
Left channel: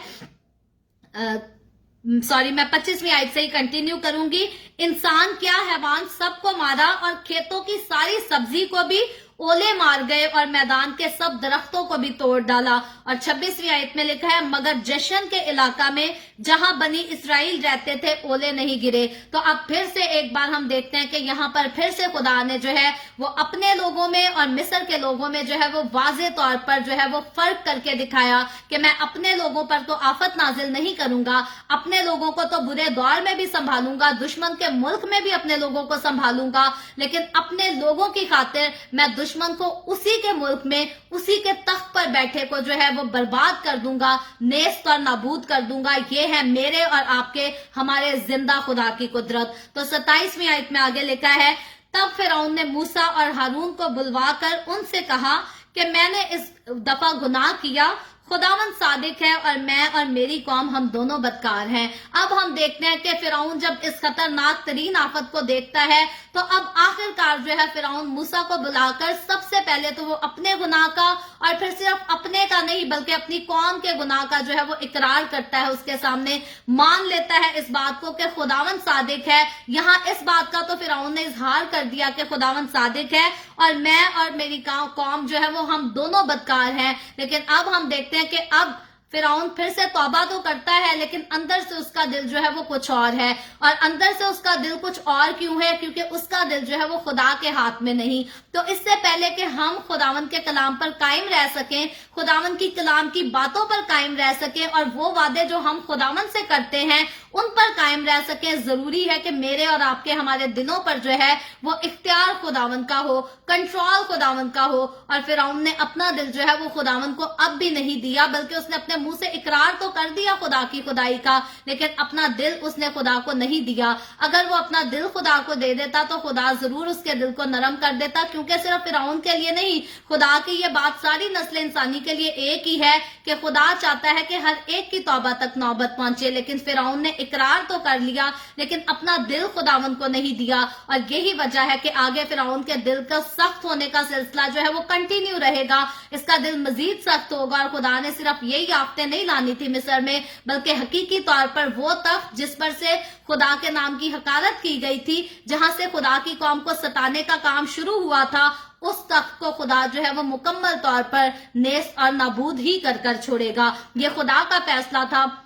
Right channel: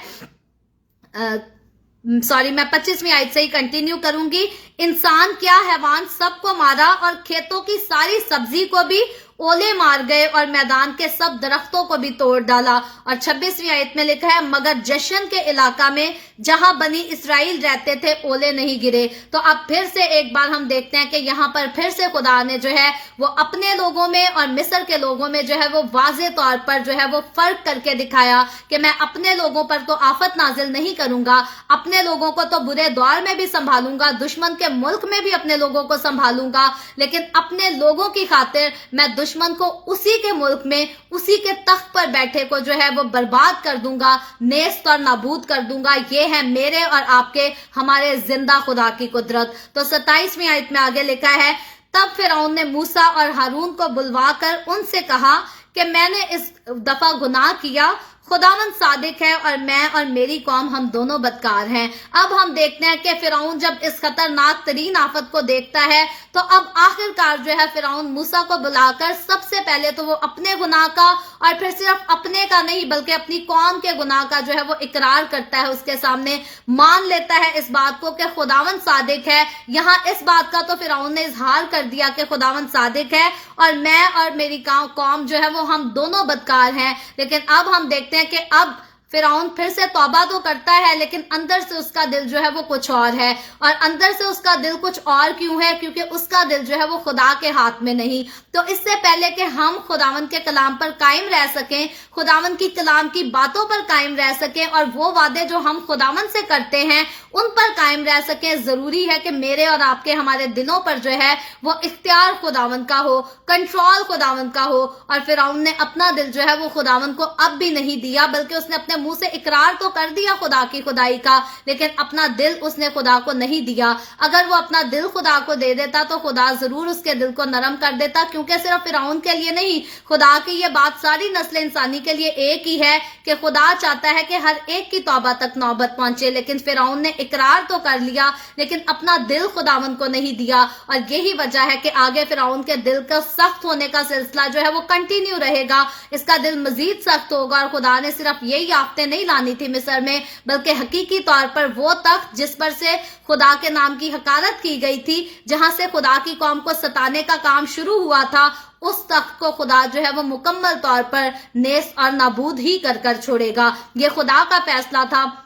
मैं 25वीं आयत से ही कंटिन्यू करूंगी। इंसान क्या हैवान, सबको मारा और खेतों की सारी सब्जी को भी ओले मार गए और मैदान के सब दरख्तों को भी तोड़ डाला। और 26वीं आयत में लिखा है, मगर जशन के इलाका में जहां बनी इसराइल रहते थे ओले नहीं गिरे। तो अब फिर से एक बार हम देखते हैं कि यहाँ पर फिर से खुदा ने जो है वो अपने लोगों में और मिस्र के लोगों में जो है वो वाज़े तौर पर जो है वो फर्क करके दिखाया कि मैं अपने लोगों पर तो आफत नाजिल नहीं करूंगा, अपने लोगों को तो बुरे दौर में भी संभालूंगा, दुश्मन के मुल्क में भी अपने लोगों को संभालूंगा, लेकिन अपने लोगों की खातिर मैं दुश्मन को उसी के मुल्क में, उसी के तख्त पर बैठे को जो है वो बर्बाद कर दूंगा, नेस्त और नाबूद कर दूंगा। ये है मेरे और आपके, हमारे जिंदा खुदा की कुदरत। तो 27वीं आयत में आगे लिखा है, तब फिरौन ने मूसा और हारून को बुलवाकर उनसे कहा कि मैंने इस दफा गुनाह किया, खुदावंद सादिक है और मैं और मेरी कौम हम दोनों बदकार हैं। अब हम देखते हैं कि फिरौन जब इस खतरनाक तरीन आफत को देखता है तो अब आखिरकार जो है फिरौन मूसा को बुलाकर सबसे पहले तो वो अपने गुनाह का, और फिर सिर्फ अपने का नहीं बल्कि अपनी कौम के गुनाह का जो है वो इकरार करता है, उसके सामने मान लेता है इस बात को कि खुदावंद सादिक है। यहाँ इस बात का तो फिरौन ने इजहार कर दिया कि खुदावंद सादिक है और मैं और मेरी कौम जो है वो हम दोनों बदकार हैं। लेकिन अब हम देखते हैं कि अब फिरौन फिर से तौबा तो करता है, लेकिन अंदर से उसका दिल जो है वो कुछ और है। और अंदर से उसका दिल कुछ और क्यों है? क्योंकि उसका दिल जो है वो खुदा के हाथ में नहीं। तो इससे पहले कि हम खुदावंद के कलाम पर कायम रह सकें, खुदावंद की कलाम की बातों पर कायम रह सकें और वो वादे जो हम खुदावंद से करते हैं उन पर कायम रह सकें, जरूरी है कि मेरे और आपके, हमारे दिलों पर जो है वो इख्तियार खुदावंद का हो, कंट्रोल खुदावंद का हो। और फिरौन ने अपना दिल जो है वो खुदावंद को अब भी नहीं दिया, बल्कि उसने अपने मुंह से इकरार तो कर दिया खुदा की खुदाई का, लेकिन अपना दिल उसने खुदा को नहीं दिया। अगर वो अपना दिल खुदा को दे देता तो खुदा जरूर उसके दिल को नरम कर देता, क्योंकि सिर्फ फिरौन के लिए नहीं, खुदा की ये बात सारी नस्ल इंसानी के लिए एक ही है कि खुदा चाहता है कि हर एक की तौबा तक नौबत पहुंचे। लेकिन फिरौन ने इकरार तो कर लिया लेकिन अपना दिल खुदावंद को नहीं दिया, और यही वजह है कि आगे फिरौन के दिल का सख्त होने का सिलसिला जो है वो कंटिन्यू रहेगा। इसका दिल मजीद सख्त होगा और खुदा ने सिर्फ यही आफतें नहीं लानी थी मिस्र में, बल्कि हकीकी तौर पर वो तख्त जिस पर से खुदा के नाम की हकारत की गई थी, जहां से खुदा की कौम को सताने का काम शुरू हुआ था, उस तख्त को खुदा जो है वो मुकम्मल तौर पर नेस और नाबूद ही कर छोड़ेगा। ये खुदा का फैसला था,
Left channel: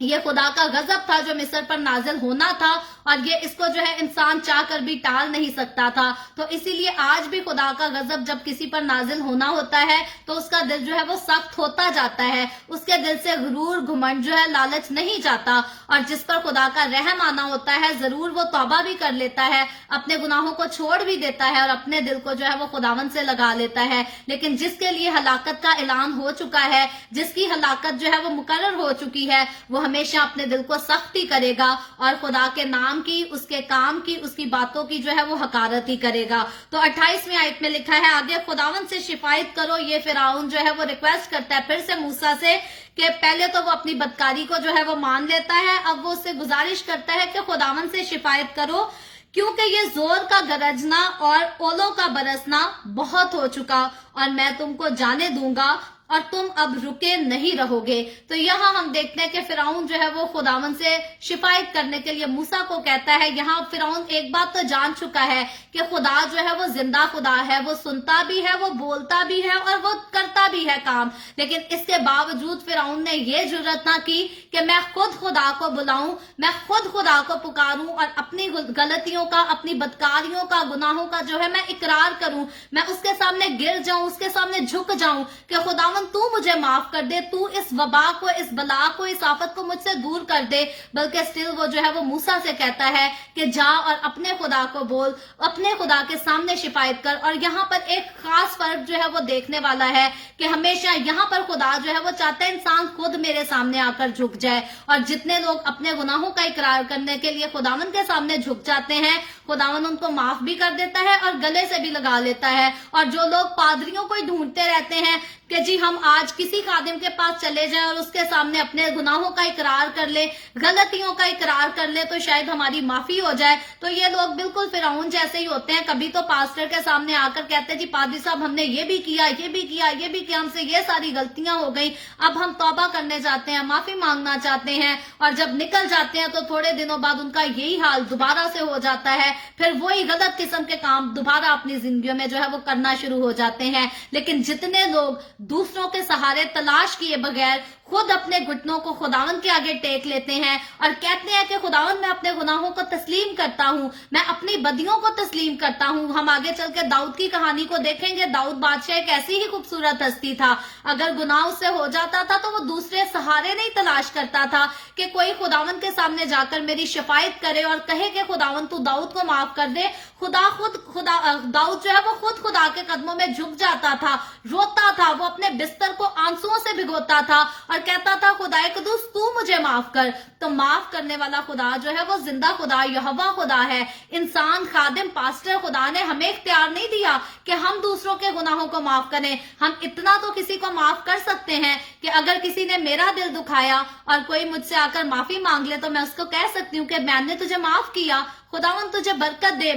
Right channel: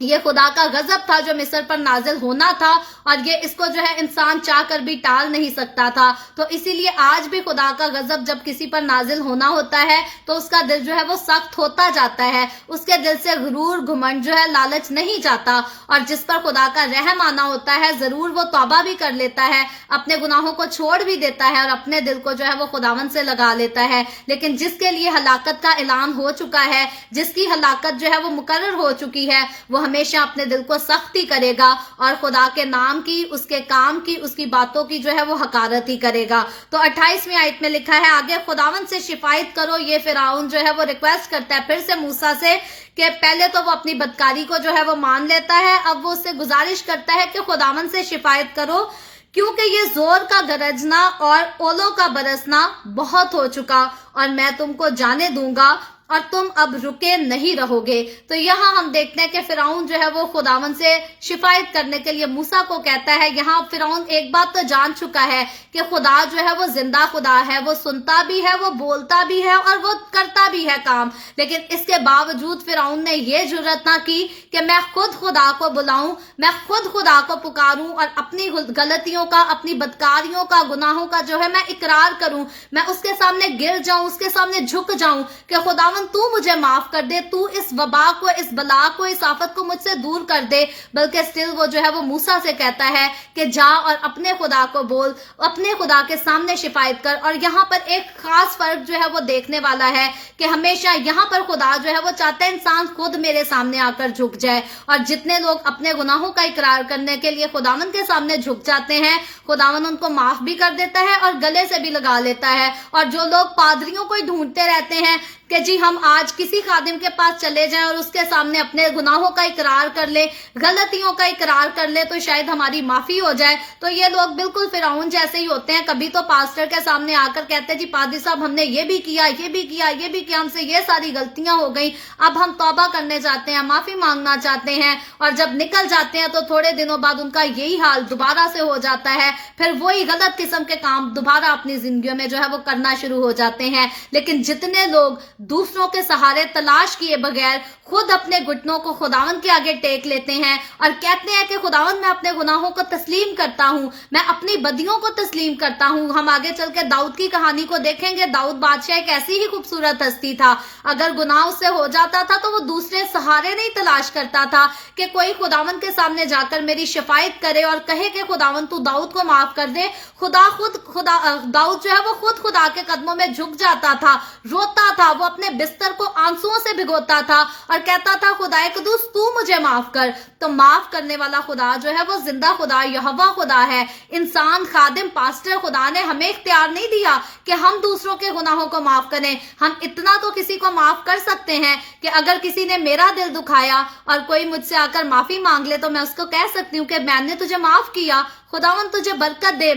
ये खुदा का गजब था जो मिस्र पर नाजिल होना था, और ये इसको जो है इंसान चाहकर भी टाल नहीं सकता था। तो इसीलिए आज भी खुदा का गजब जब किसी पर नाजिल होना होता है तो उसका दिल जो है वो सख्त होता जाता है, उसके दिल से गुरूर, घमंड जो है, लालच नहीं जाता। और जिस पर खुदा का रहम आना होता है जरूर वो तौबा भी कर लेता है, अपने गुनाहों को छोड़ भी देता है और अपने दिल को जो है वो खुदावंद से लगा लेता है। लेकिन जिसके लिए हलाकत का ऐलान हो चुका है, जिसकी हलाकत जो है वो मुकर्रर हो चुकी है, वो हमेशा अपने दिल को सख्ती करेगा और खुदा के नाम की, उसके काम की, उसकी बातों की जो है वो हकारत ही करेगा। तो 28वीं आयत में लिखा है, आगे खुदावन से शिफायत करो। ये फिरौन जो है वो रिक्वेस्ट करता है फिर से मूसा से कि पहले तो वो अपनी बदकारी को जो है वो मान लेता है, अब वो उससे गुजारिश करता है कि खुदावन से शिफायत करो, क्योंकि ये जोर का गरजना और ओलों का बरसना बहुत हो चुका और मैं तुमको जाने दूंगा और तुम अब रुके नहीं रहोगे। तो यहाँ हम देखते हैं कि फिरौन जो है वो खुदावन से शिफायत करने के लिए मूसा को कहता है। यहाँ फिरौन एक बात तो जान चुका है कि खुदा जो है वो जिंदा खुदा है, वो सुनता भी है, वो बोलता भी है और वो करता भी है काम, लेकिन इसके बावजूद फिरौन ने ये जुर्रत ना की कि मैं खुद खुदा को बुलाऊं, मैं खुद खुदा को पुकारूं और अपनी गलतियों का, अपनी बदकारियों का, गुनाहों का जो है मैं इकरार करूं, मैं उसके सामने गिर जाऊं, उसके सामने झुक जाऊं कि खुदावन तू मुझे माफ कर दे, तू इस वबा को, इस बला को, इस आफत को मुझसे दूर कर दे। बल्कि स्टिल वो जो है वो मूसा से कहता है कि जा और अपने खुदा को बोल, अपने खुदा के सामने शिफायत कर। और यहाँ पर एक खास फर्क जो है वो देखने वाला है कि हमेशा यहाँ पर खुदा जो है वो चाहता है इंसान खुद मेरे सामने आकर झुक जाए, और जितने लोग अपने गुनाहों का इकरार करने के लिए खुदावन के सामने झुक जाते हैं, खुदावन उनको माफ भी कर देता है और गले से भी लगा लेता है। और जो लोग पादरियों को ढूंढते रहते हैं कि जी हम आज किसी खादिम के पास चले जाएं और उसके सामने अपने गुनाहों का इकरार कर ले, गलतियों का इकरार कर ले, तो शायद हमारी माफी हो जाए, तो ये लोग बिल्कुल फिरौन जैसे ही होते हैं। कभी तो पास्टर के सामने आकर कहते हैं जी पादरी साहब हमने ये भी किया, ये भी किया, ये भी किया, हमसे ये सारी गलतियां हो गई, अब हम तौबा करने जाते हैं, माफी मांगना चाहते हैं, और जब निकल जाते हैं तो थोड़े दिनों बाद उनका यही हाल दोबारा से हो जाता है, फिर वही गलत किस्म के काम दोबारा अपनी जिंदगी में जो है वो करना शुरू हो जाते हैं। लेकिन जितने लोग दूसरों के सहारे तलाश किए बगैर खुद अपने घुटनों को खुदावन के आगे टेक लेते हैं और कहते हैं कि खुदावन मैं अपने गुनाहों को तस्लीम करता हूँ, मैं अपनी बदियों को तस्लीम करता हूँ। हम आगे चल के दाऊद की कहानी को देखेंगे। दाऊद बादशाह एक ऐसी ही खूबसूरत हस्ती था, अगर गुनाह उससे हो जाता था तो वो दूसरे सहारे नहीं तलाश करता था कि कोई खुदावन के सामने जाकर मेरी शिफायत करे और कहे कि खुदावन तू दाऊद को माफ कर दे। दाऊद जो है वो खुद खुदा के कदमों में झुक जाता था, रोता था, वो अपने बिस्तर को आंसुओं से भिगोता था और कहता था खुदाए कुदूस तू मुझे माफ कर। तो माफ करने वाला खुदा जो है वो जिंदा खुदा, यहोवा खुदा है। इंसान, खादिम, पास्टर, खुदा ने हमें इख्तियार नहीं दिया कि हम दूसरों के गुनाहों को माफ करें। हम इतना तो किसी को माफ कर सकते हैं कि अगर किसी ने मेरा दिल दुखाया और कोई मुझसे आकर माफी मांग ले तो मैं उसको कह सकती हूँ कि मैंने तुझे माफ किया, खुदावन तुझे बरकत दे।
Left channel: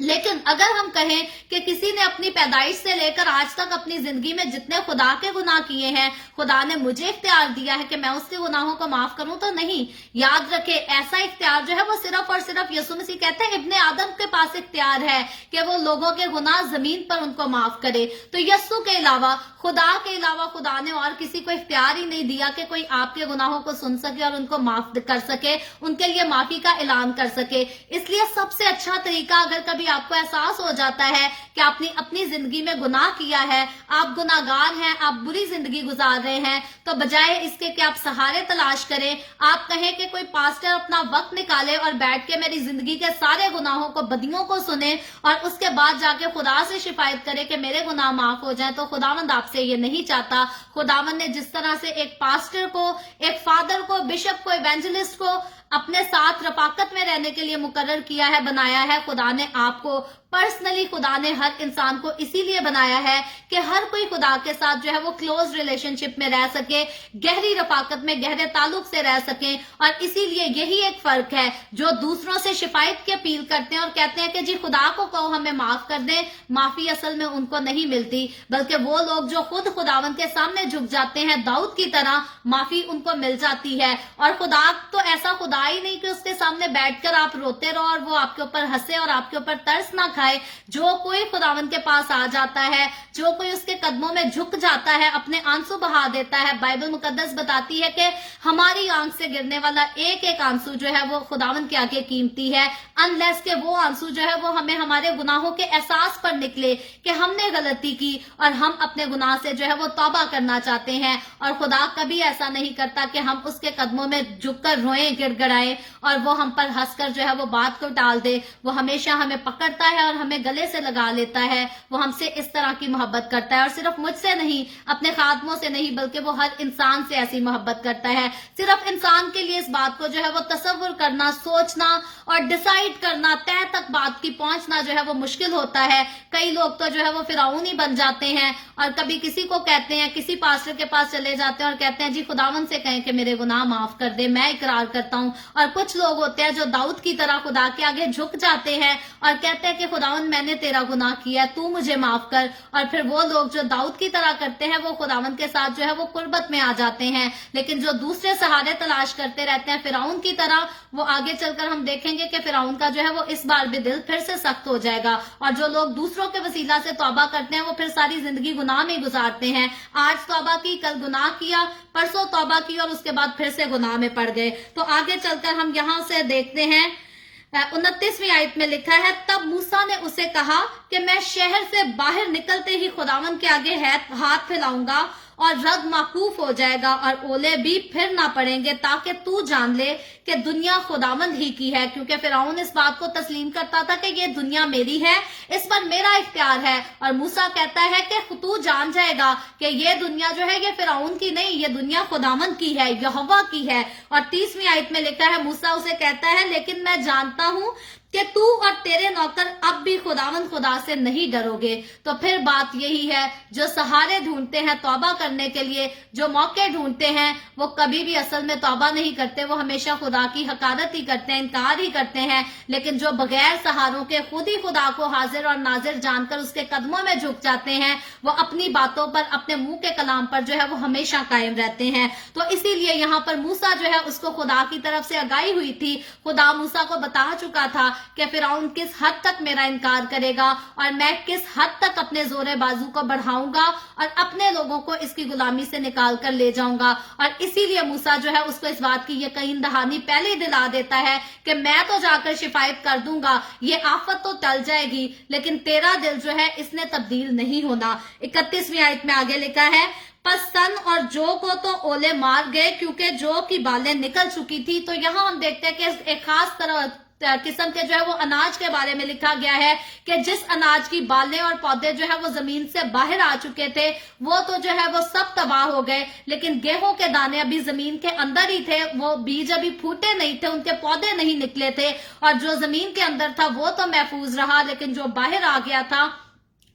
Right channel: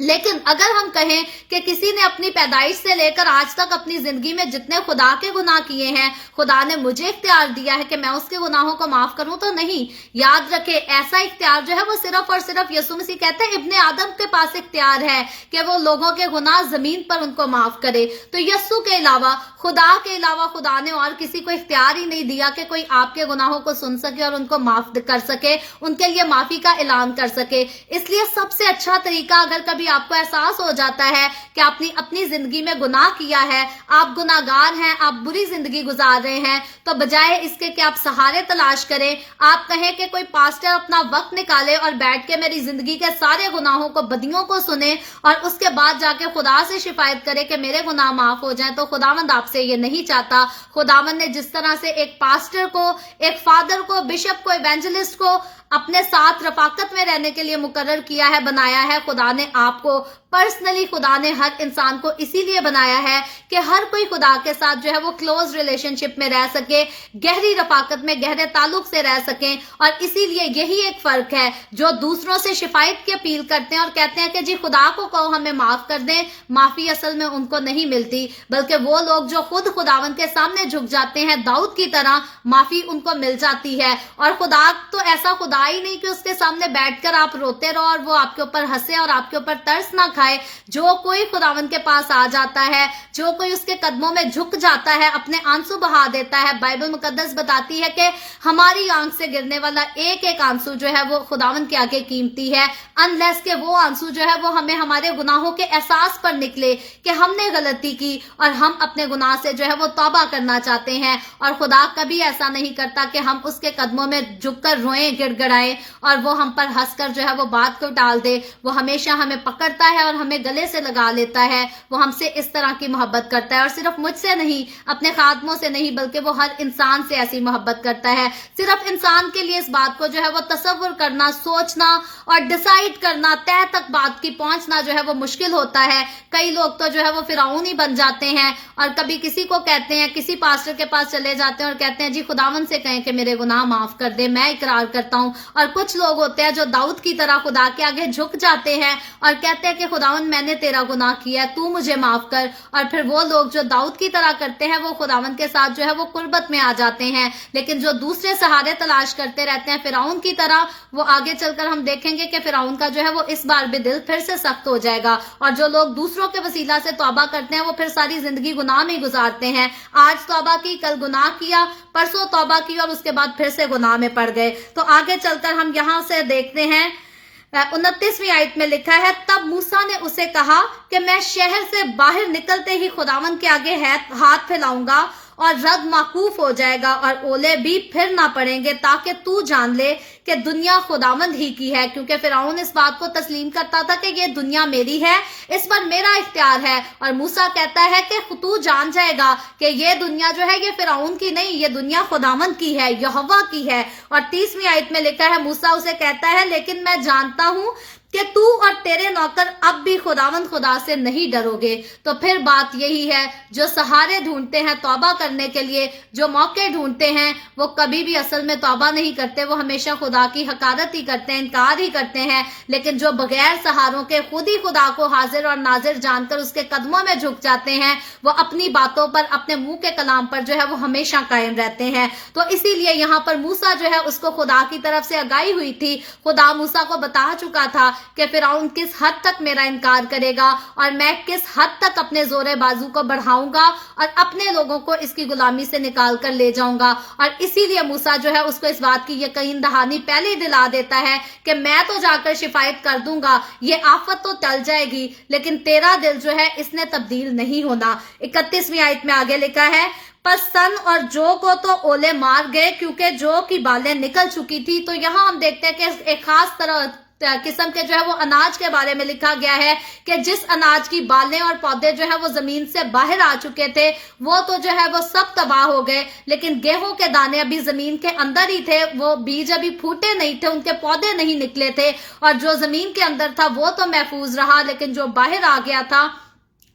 लेकिन अगर हम कहें कि किसी ने अपनी पैदाइश से लेकर आज तक अपनी जिंदगी में जितने खुदा के गुनाह किए हैं, खुदा ने मुझे इख्तियार दिया है कि मैं उसके गुनाहों को माफ करूं, तो नहीं। याद रखे ऐसा इख्तियार जो है वो सिर्फ और सिर्फ यीशु मसीह कहते हैं इब्ने आदम के पास इख्तियार है कि वो लोगों के गुनाह जमीन पर उनको माफ करे। तो यीशु के अलावा, खुदा के अलावा खुदा ने और किसी को इख्तियार ही नहीं दिया कि कोई आपके गुनाहों को सुन सके और उनको माफ कर सके, उनके लिए माफी का ऐलान कर सके। इसलिए सबसे अच्छा तरीका, अगर कभी आपको एहसास हो जाता है कि आपने अपनी जिंदगी में गुनाह किया है, आप गुनाहगार हैं, आप बुरी जिंदगी गुजार रहे हैं, तो बजाय इसके कि आप सहारे तलाश करें, आप कहें कि कोई पास्टर अपना वक्त निकाले और बैठ के मेरी जिंदगी के सारे गुनाहों को, बदियों को सुने और उसके बाद जाके खुदा से शिफायत करे कि मेरे गुनाह माफ हो जाएं। तो खुदावंद आपसे ये नहीं चाहता। खुदावंद ने जिस तरह से एक पास्टर को, एक फादर को, बिशप को, इवेंजलिस्ट को अपने साथ रफाकत में रहने के लिए मुकर्रर किया है, बनाया है, खुदा ने आपको पर्सनली, खुदा ने हर इंसान को इसीलिए बनाया है कि हर कोई खुदा के साथ जो है वो क्लोज रिलेशनशिप में रह सके, गहरी रफाकत में, गहरे ताल्लुक से रह सके। और इसीलिए यही एक फर्क है, जो दूसरों से शिफायत की अपील करते हैं और कहते हैं कि जी खुदा को कहो हमें माफ कर दें, माफी असल में उनको नहीं मिलती, बल्कि वो लोग जो खुद खुदावन के सामने झुक जाते हैं, दाऊद की तरह, माफी उनको मिल जाती है। और खुदा तो ऐसा खुदा ही नहीं कि उसके सामने बैठकर आप रोते रहो और वो आपके ऊपर हंसे और आपके ऊपर तरस ना खाए। जो कोई खुदावन के पास आ जाता है, जो कोई उसके कदमों में झुक जाता है, अपने आंसू बहा देता है, बाइबल मुकद्दस बताती है कि हमारी आंख से गिरने वाला एक एक आंसू जो है वो खुदावन के आगे कीमती है, अनलेस के वो आंसू जो है वो हमें हमारे गुनाहों के एहसास पर निकले कि हमने गलती की और हम अपने गुनाह से जो है वो तौबा करना चाहते हैं। और खुदा कभी ऐसा नहीं करता कि हम उसके कदमों में झुककर रोएं, गिड़गिड़ाएं और वो हम पर हंसकर जो है वो बात को टाल दे। वो हमेशा हमें پکڑتا ہے اور ہمیں گلے سے لگا لیتا ہے، وہ ہم سے اس طرح کی محبت کرتا ہے، اور صرف مجھ سے نہیں، اپنے خادموں سے نہیں، بلکہ وہ ہر انسان سے ایسی محبت کرتا ہے۔ صرف انسان کے لیے اس بات کو جو ہے وہ تصور کرنا، سوچنا اور ڈیسائیڈ کرنا، طے تک بات کی پہنچنا جو ہے وہ مشکل ہوتا ہے۔ کئی لوگ تو جو ہے وہ فرعون ہی بن جاتے ہیں، اور کبھی کسی کو کہتے ہیں، کسی پاسٹر کے پاس چلے جاتے ہیں اور کہتے ہیں جی خداوند سے کہیں کہ میرے گناہ معاف کر دے، میں اقرار کرتا ہوں۔ اور کچھ لوگ ہوتے ہیں جو داؤد کی طرح خدا کے آگے جھک جاتے ہیں اور کہتے ہیں کہ خداوند میں نے تیرا گناہ کیا، تو مجھے معاف کر۔ اور پھر وہ لوگ جو داؤد کی طرح کرتے ہیں وہ خداوند کے ساتھ جو ہے وہ قربت میں آ جاتے ہیں، لیکن جو دوسرے سہارے تلاش کرتے رہتے ہیں فرعون کی طرح، وہ آگے چل کر ہم دیکھیں گے کہ فرعون کا جو ہے وہ اس بار بھی دل پھر سے سخت ہو جائے گا، اور جو لوگ دوسروں کے وسیلہ سے توبہ کرتے ہیں وہ پھر ساری زندگی گناہ میں گزارتے ہیں۔ آج توبہ کی، کل گناہ کیا، پرسوں توبہ کی اور اس کے بعد پھر سے گناہ میں پڑ گئے۔ تو آگے چل کر ہم یہاں سے دیکھتے ہیں 29ویں آیت میں لکھا ہے، تب موسیٰ نے اسے کہا کہ میں شہر سے باہر نکلتے ہی خداوند کے آگے ہاتھ پھیلاؤں گا اور رد موقوف ہو جائے گا اور اولے بھی پھر نہ پڑیں گے، تاکہ تو جان لے کہ دنیا خداوند ہی کی ہے، کیونکہ فرعون اس بات کو تسلیم کرتا تھا کہ یہ دنیا میری ہے، اس پر میرا اختیار ہے۔ اور موسیٰ کہتا ہے کہ تو جان جائے گا کہ یہ دنیا جو ہے یہ فرعون کی نہیں، یہ دنیا خداوند کی ہے، یہوہ کی ہے۔ اور 30ویں آیت میں لکھا ہے، موسیٰ اسے کہتا ہے لیکن میں جانتا ہوں کہ تو اور تیرے نوکر اب بھی خداوند خدا سے نہیں ڈرو گے۔ تو پھر بات یہی ہے، جو سہارے ڈھونڈتے ہیں توبہ کرنے کے لیے، جو موقع ڈھونڈتے ہیں، وہ کبھی بھی اصل میں توبہ نہیں کرتے، وہ ہمیشہ خدا کی حقارت ہی کرتے ہیں، انکار ہی کرتے ہیں۔ لیکن جو بغیر سہاروں کے خود ہی خدا کو حاضر اور ناظر جان کر اس کے قدموں میں جھک جاتے ہیں، وہ اپنی باتوں پر، اپنے منہ کے کلام پر جو ہے وہ ہمیشہ قائم رہتے ہیں۔ تو اسی لیے یہاں پر موسیٰ جو ہے اس کو خدا کی طرف سے آگاہی ہوئی تھی، خدا موسیٰ کو بتا چکا تھا کہ فرعون کس حد تک میرا انکار کرے گا اور میں کس حد تک اپنے زور بازو کو بڑھاؤں گا اور اپنے لوگوں کو اس کی غلامی سے نکال کر لے جاؤں گا۔ اور اسی لیے موسیٰ جو ہے اس کو اس بات کی یقین دہانی پہلے ہی دلا دیتا ہے کہ میں تو جا کر شفایت کر دوں گا، یہ آفت تو ٹل جائے گی، لیکن تیرا دل جو ہے اس نے تبدیل نہیں ہونا۔ 31ویں آیت میں آگے لکھا ہے، پس سن اور جو کو تو اولے مار گئے کیونکہ جو کی بالیں نکل چکی تھی۔ تو یہاں ہم دیکھتے ہیں کہ ایک خاص طرح قسم کے جو ہے وہ اناج کے بارے میں لکھا گیا ہے کہ جس اناج کی بالیں اور پودے جو ہے وہ زمین سے باہر آ چکے تھے وہ تو جو ہے وہ سب تباہ ہو گئے، لیکن گیہوں کے دانے ابھی زمین کے اندر ہی تھے، وہ بیج ابھی پھوٹے نہیں تھے، ان کے پودے نہیں نکلے تھے، اور جو زمین کے اندر تھا وہ تو محفوظ رہا، لیکن جو باہر آ گیا تھا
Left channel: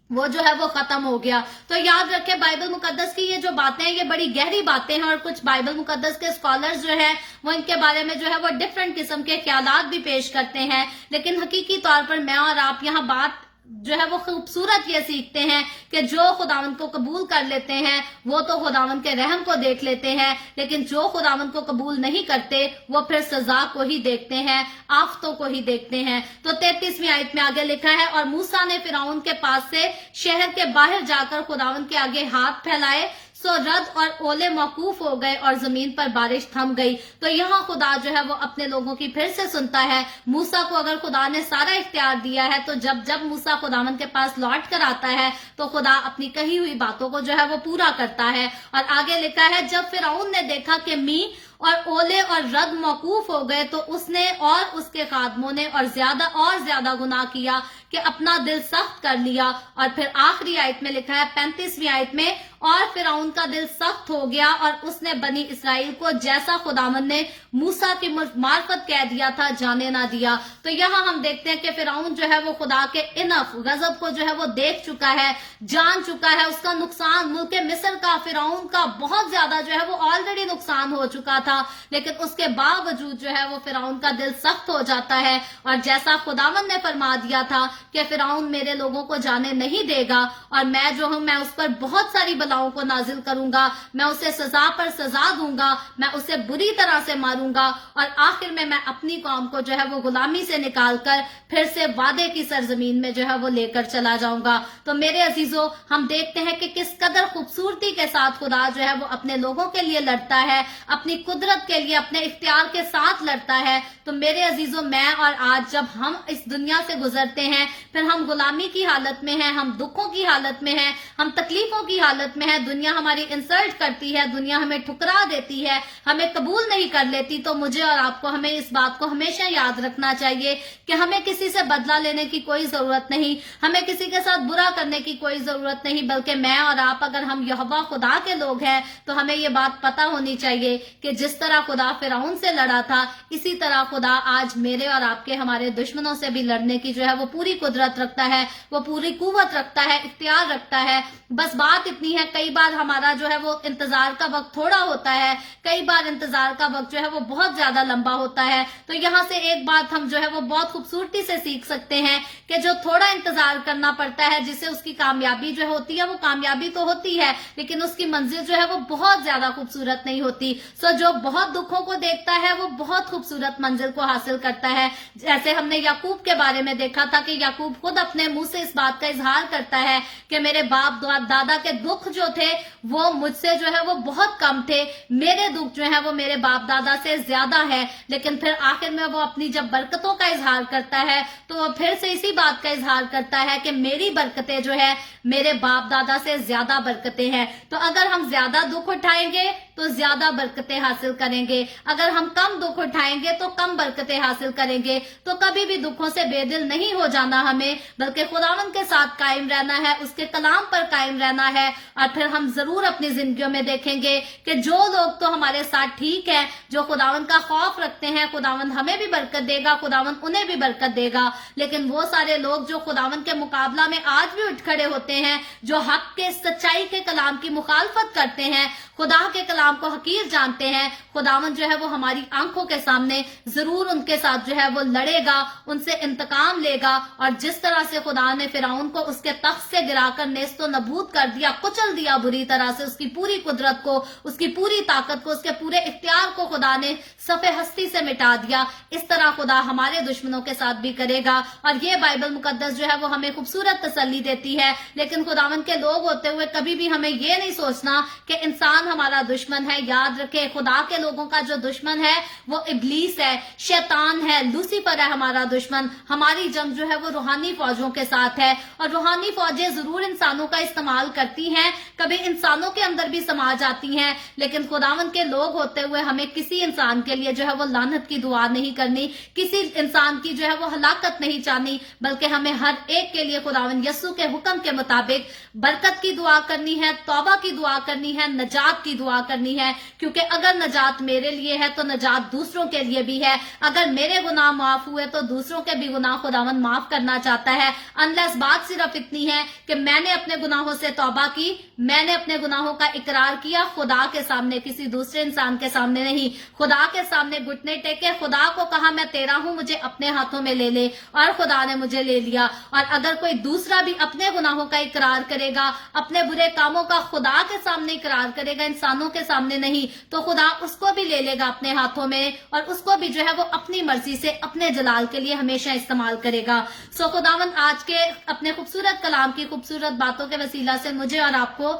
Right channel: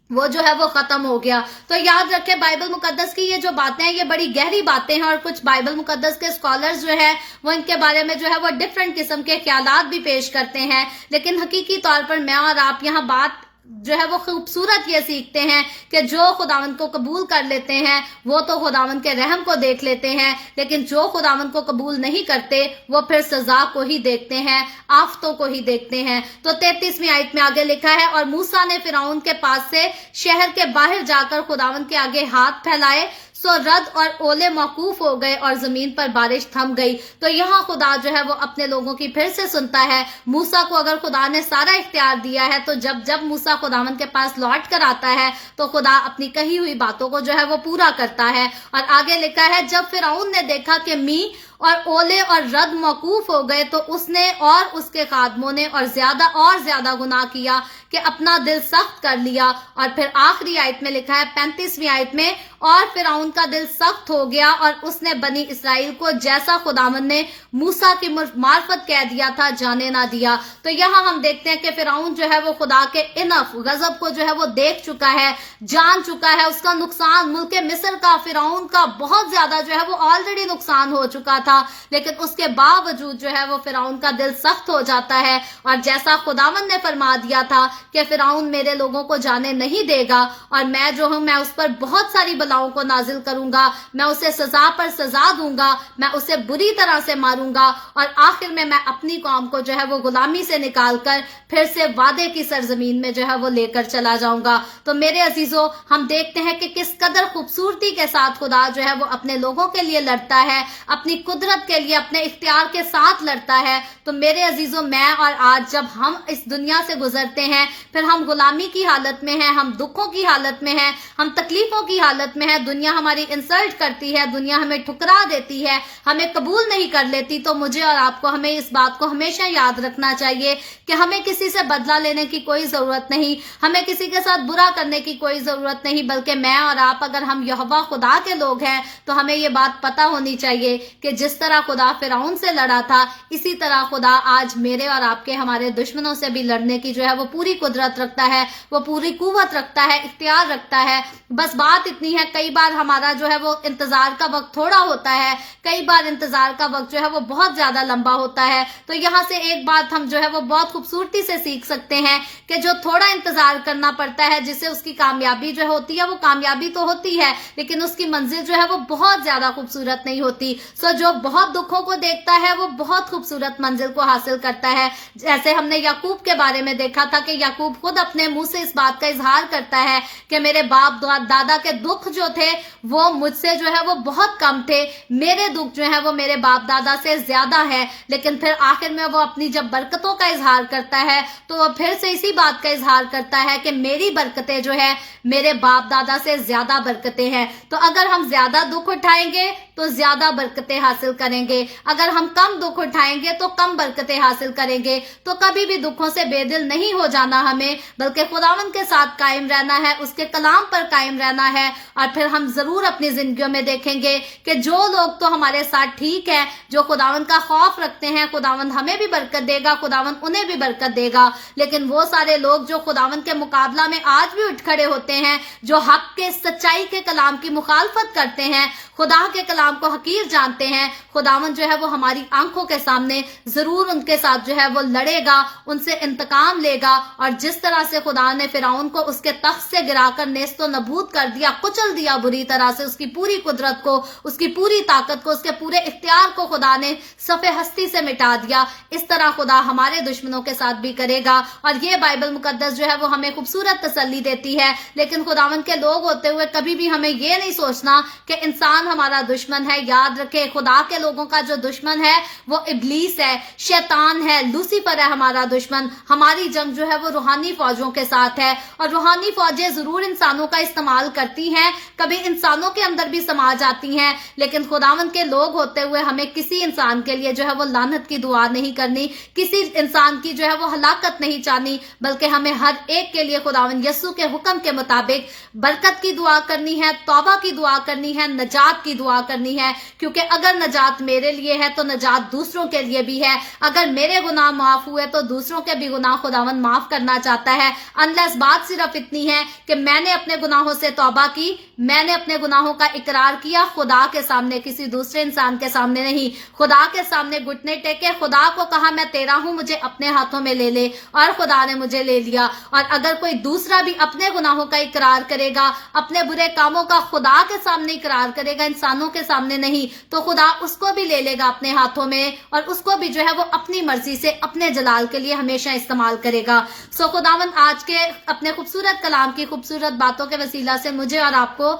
وہ جو ہے وہ ختم ہو گیا۔ تو یاد رکھیں بائبل مقدس کی یہ جو باتیں ہیں یہ بڑی گہری باتیں ہیں، اور کچھ بائبل مقدس کے اسکالرز جو ہیں وہ ان کے بارے میں جو ہے وہ ڈیفرنٹ قسم کے خیالات بھی پیش کرتے ہیں، لیکن حقیقی طور پر میں اور آپ یہاں بات جو ہے وہ خوبصورت یہ سیکھتے ہیں کہ جو خداوند کو قبول کر لیتے ہیں وہ تو خداوند کے رحم کو دیکھ لیتے ہیں، لیکن جو خداوند کو قبول نہیں کرتے وہ پھر سزا کو ہی دیکھتے ہیں، آفتوں کو ہی دیکھتے ہیں۔ تو 33ویں آیت میں آگے لکھا ہے، اور موسیٰ نے فرعون کے پاس سے شہر کے باہر جا کر خداوند کے آگے ہاتھ پھیلائے، سو رد اور اولے موقوف ہو گئے اور زمین پر بارش تھم گئی۔ تو یہاں خدا جو ہے وہ اپنے لوگوں کی پھر سے سنتا ہے۔ موسیٰ کو اگر خدا نے سارا اختیار دیا ہے تو جب موسیٰ خداوند کے پاس لوٹ کر آتا ہے تو خدا اپنی کہی ہوئی باتوں کو جو ہے وہ پورا کرتا ہے۔ اور آگے لکھا ہے، جب فرعون نے دیکھا کہ می اور اولے اور رد موقوف ہو گئے تو اس نے اور اس کے خادموں نے اور زیادہ گناہ کیا کہ اپنا دل سخت کر لیا۔ اور پھر آخری آیت میں لکھا ہے 35ویں آیت میں، اور فرعون کا دل سخت ہو گیا اور اس نے بنی اسرائیل کو جیسا خداوند نے موسیٰ کی معرفت کہہ دیا تھا جانے نہ دیا۔ تو یہاں ہم دیکھتے ہیں کہ فرعون جو ہے وہ خدا کے انف غضب کو جو ہے وہ دیکھ چکا ہے، جان چکا ہے، اس کا نقصان ملک مصر کا، فرعون کا بہت زیادہ جو ہے وہ آلریڈی نقصان ہو چکا تھا، لیکن اس کے باوجود جو ہے وہ فرعون کا دل سخت ہو جاتا ہے، اور جیسا خداوند نے فرما دیا تھا کہ فرعون میرے لوگوں کو جانے نہیں دے گا، اور میں جو ہوں میں اس پر بہت ساری بلاؤں کو نازل کروں گا، میں اسے سزا پر سزا دوں گا، میں اسے بری طرح سے ماروں گا، اور آخر میں اپنی قوم کو جو ہے وہ غلامی سے نکال کر پھر سے وعدے کی سرزمین میں جو ہے وہ لے کر چلا جاؤں گا۔ تو میرے عزیزوں، ہم دیکھتے ہیں کہ کس قدر خوبصورتی کے ساتھ خدا جو ہے وہ اپنے لوگوں کے لیے لڑتا ہے، اپنی قدرت کے لیے اپنے اختیار کے ساتھ لڑتا ہے۔ تو میرے عزیزوں، میں اور آج جب ہم اس دنیا سے گزرتے ہیں، پھر ہم غلامی کی حالت میں ہیں، ہم دکھوں کی حالت میں ہیں، ہم تکلیفوں کی حالت हालत में है, दुनिया हमारी इंसल्ट करती है, दुनिया हमें ठुकरा देती है, हमें कबूल नहीं कर लेती, तो मुझे और आपको हमें इस बात को हमेशा याद रखना चाहिए कि हमें किसी से बदला लेने की कोई जरूरत नहीं, हमें किसी के साथ बुरा करने की कोई जरूरत नहीं, बल्कि मैं और आप अगर हम यहोवा खुदा के लोग हैं तो हमें ये बात पता होनी चाहिए कि जिस तरह खुदा फिरौन से लड़ा था, इसी तरह खुदा आज मेरे और आपके हमारे दुश्मनों से भी लड़ने की जो है वो पूरी कुदरत रखता है, वो पूरी कुव्वत रखता है, इख्तियार रखता है। बस बात इतनी है, कई बार हमारा जो है वो इंतजार का वक्त थोड़ा होता है, कई बार इंतजार का वक्त जो है वो बहुत ज्यादा लंबा होता है। तो यहाँ से एक बात हम जो है वो बहुत खूबसूरती से सीख सकते हैं कि जो थोड़ा इंतजार करना पड़ता है, जिससे उसकी कामयाबी जो होती है वो कामयाबी तो होती है, लेकिन उसकी मंजिल जो है वो बहुत ज्यादा खूबसूरत नहीं होती। सो जो बहुत दुखों को देखता है वो बहुत खूबसूरत मंजिल को हासिल करता है। जैसे हमने याकूब के बारे में देखा था कि याकूब खुद अपने मुंह से इस बात का इजहार करता है कि मेरे बाप दादा के दुख जो थे वो मुझसे जो है वो बहुत कम थे, मेरे दुख जो है वो मेरे बाप दादा से ज्यादा है। लेकिन फिर आखिर में वो अपनी जब बरकतों का इजहार करता है तो वो फिर से इसी बात का इजहार करता है कि मेरी बरकतें जो है मेरे बाप दादा से ज्यादा बरकतें हैं। तो अगर हम ज्यादा दुख उठाएंगे तो ज्यादा बरकतें हासिल करेंगे, अगर हम कम दुख उठाएंगे तो कम बरकतें हासिल करेंगे। तो कभी भी दुखों से बेदिल नहीं हो जाना हमें, बल्कि खुदावंद के साथ कायम रहना है, उसके कलाम पर कायम रहना है। और फिर हम जरूर अपनी जिंदगियों में देखेंगे कि जो लोग तो हमारे साथ ठीक है, जो खुदावंद का खौफ रखते हैं, खुदावंद हमें भी बरकत देगा, खुदावंद उन्हें भी बरकत देगा। लेकिन वो सारे लोग जो खुदावंद के मुकाबला में आज भी उठ खड़े होते हैं, जो हक के सच्चाई के कलाम की मुखालफत करते हैं, खुदा के कलाम को हकीर जानते हैं, खुदावंद जो है वो हमारी आंखों के सामने जरूर उनके साथ जो है वो लड़ेगा, उनसे इंतकाम लेगा। और जिस तरह से खुदा ने फिरौन को उसके तख्त से गिराकर नेस्तो नबूद कर दिया, कुचल दिया बुरी तरह से, उसकी पूरी कुदरत को, उसकी पूरी ताकत को, उसके पूरे इख्तियार को खुदा ने सफ़े हस्ती से मिटा दिया, इस तरह खुदा हमारे दुश्मनों के साथ भी करेगा। और ये बाइबल मुकद्दस जो है वो हमें खूबसूरत तसल्ली देती है। लेकिन खुदावंद के लोग होते हुए कभी भी हमें ये नहीं सोचना कि इंसान हमारा दुश्मन है। याद रखे, खुदा के लोगों का जो दुश्मन है वो इब्लीस है, शैतान है, लूसीफर है हमारा दुश्मन। हमारी जंग जो है वो रूहानी फौजों के साथ है, और रूहानी फौजें जरूर इंसानों का इस्तेमाल करती हैं, कभी इंसानों के अंदर भी समा जाती हैं। लेकिन खुदावंद के लोग होते हुए हमें किसी इंसान के लिए जो है वो लानत की दुआ नहीं करनी, किसी इंसान की जो है वो हलाकत नहीं चाहनी, बल्कि हमें हर एक के लिए खुदावंद यस्सु के हुक्म के मुताबिक बरकत की दुआ करनी है, तौबा की दुआ करनी है, नजात की दुआ करनी है। क्योंकि अगर नजात मेरे लिए है तो नजात दूसरों के लिए भी है। अगर मेरे गुनाह माफ हुए तो दूसरों के भी गुनाह खुदावंद माफ करना चाहता है। अनलेस बात सिर्फ इतनी है कि मैंने अपने गुनाहों से तौबा की, मैंने अपने गुनाहों का इकरार किया, खुदा के सामने, किसी दूसरे इंसान के सामने नहीं, खुदा के सामने घुटने टेके, खुदा को कहा मैं तेरा हूं, मुझे अपने हाथों में ले ले, और खुदा ने मुझे ले लिया। और अगर कोई दूसरा भी अपने गुनाहों का इकरार करेगा, अपने बुरे कामों का खुदा के सामने इकरार करेगा, इंसानों के सामने नहीं, तो खुदा उसको भी ले लेगा अपने हाथों में, और उसको भी जो है वो अपनी मर्जी से अपने जलाल के लिए हमेशा इस्तेमाल करेगा। सो खुदावंद आज के अपने खूबसूरत कलाम की खूबसूरत बातों के वसीला से मुझे और आपको,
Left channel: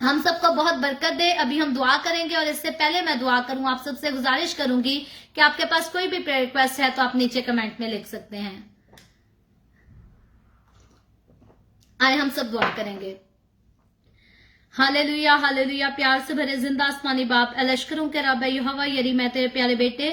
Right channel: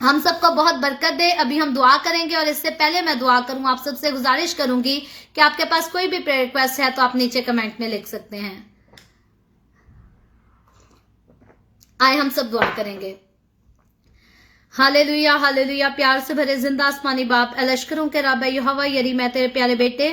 हम सबको बहुत बरकत दे। अभी हम दुआ करेंगे, और इससे पहले मैं दुआ करूं, आप सबसे गुजारिश करूंगी कि आपके पास कोई भी प्रेयर रिक्वेस्ट है तो आप नीचे कमेंट में लिख सकते हैं। आए हम सब दुआ करेंगे। Hallelujah, hallelujah. प्यार से भरे जिंदा आसमानी बाप, लश्करों के रब यहोवा यरी, मैं तेरे प्यारे बेटे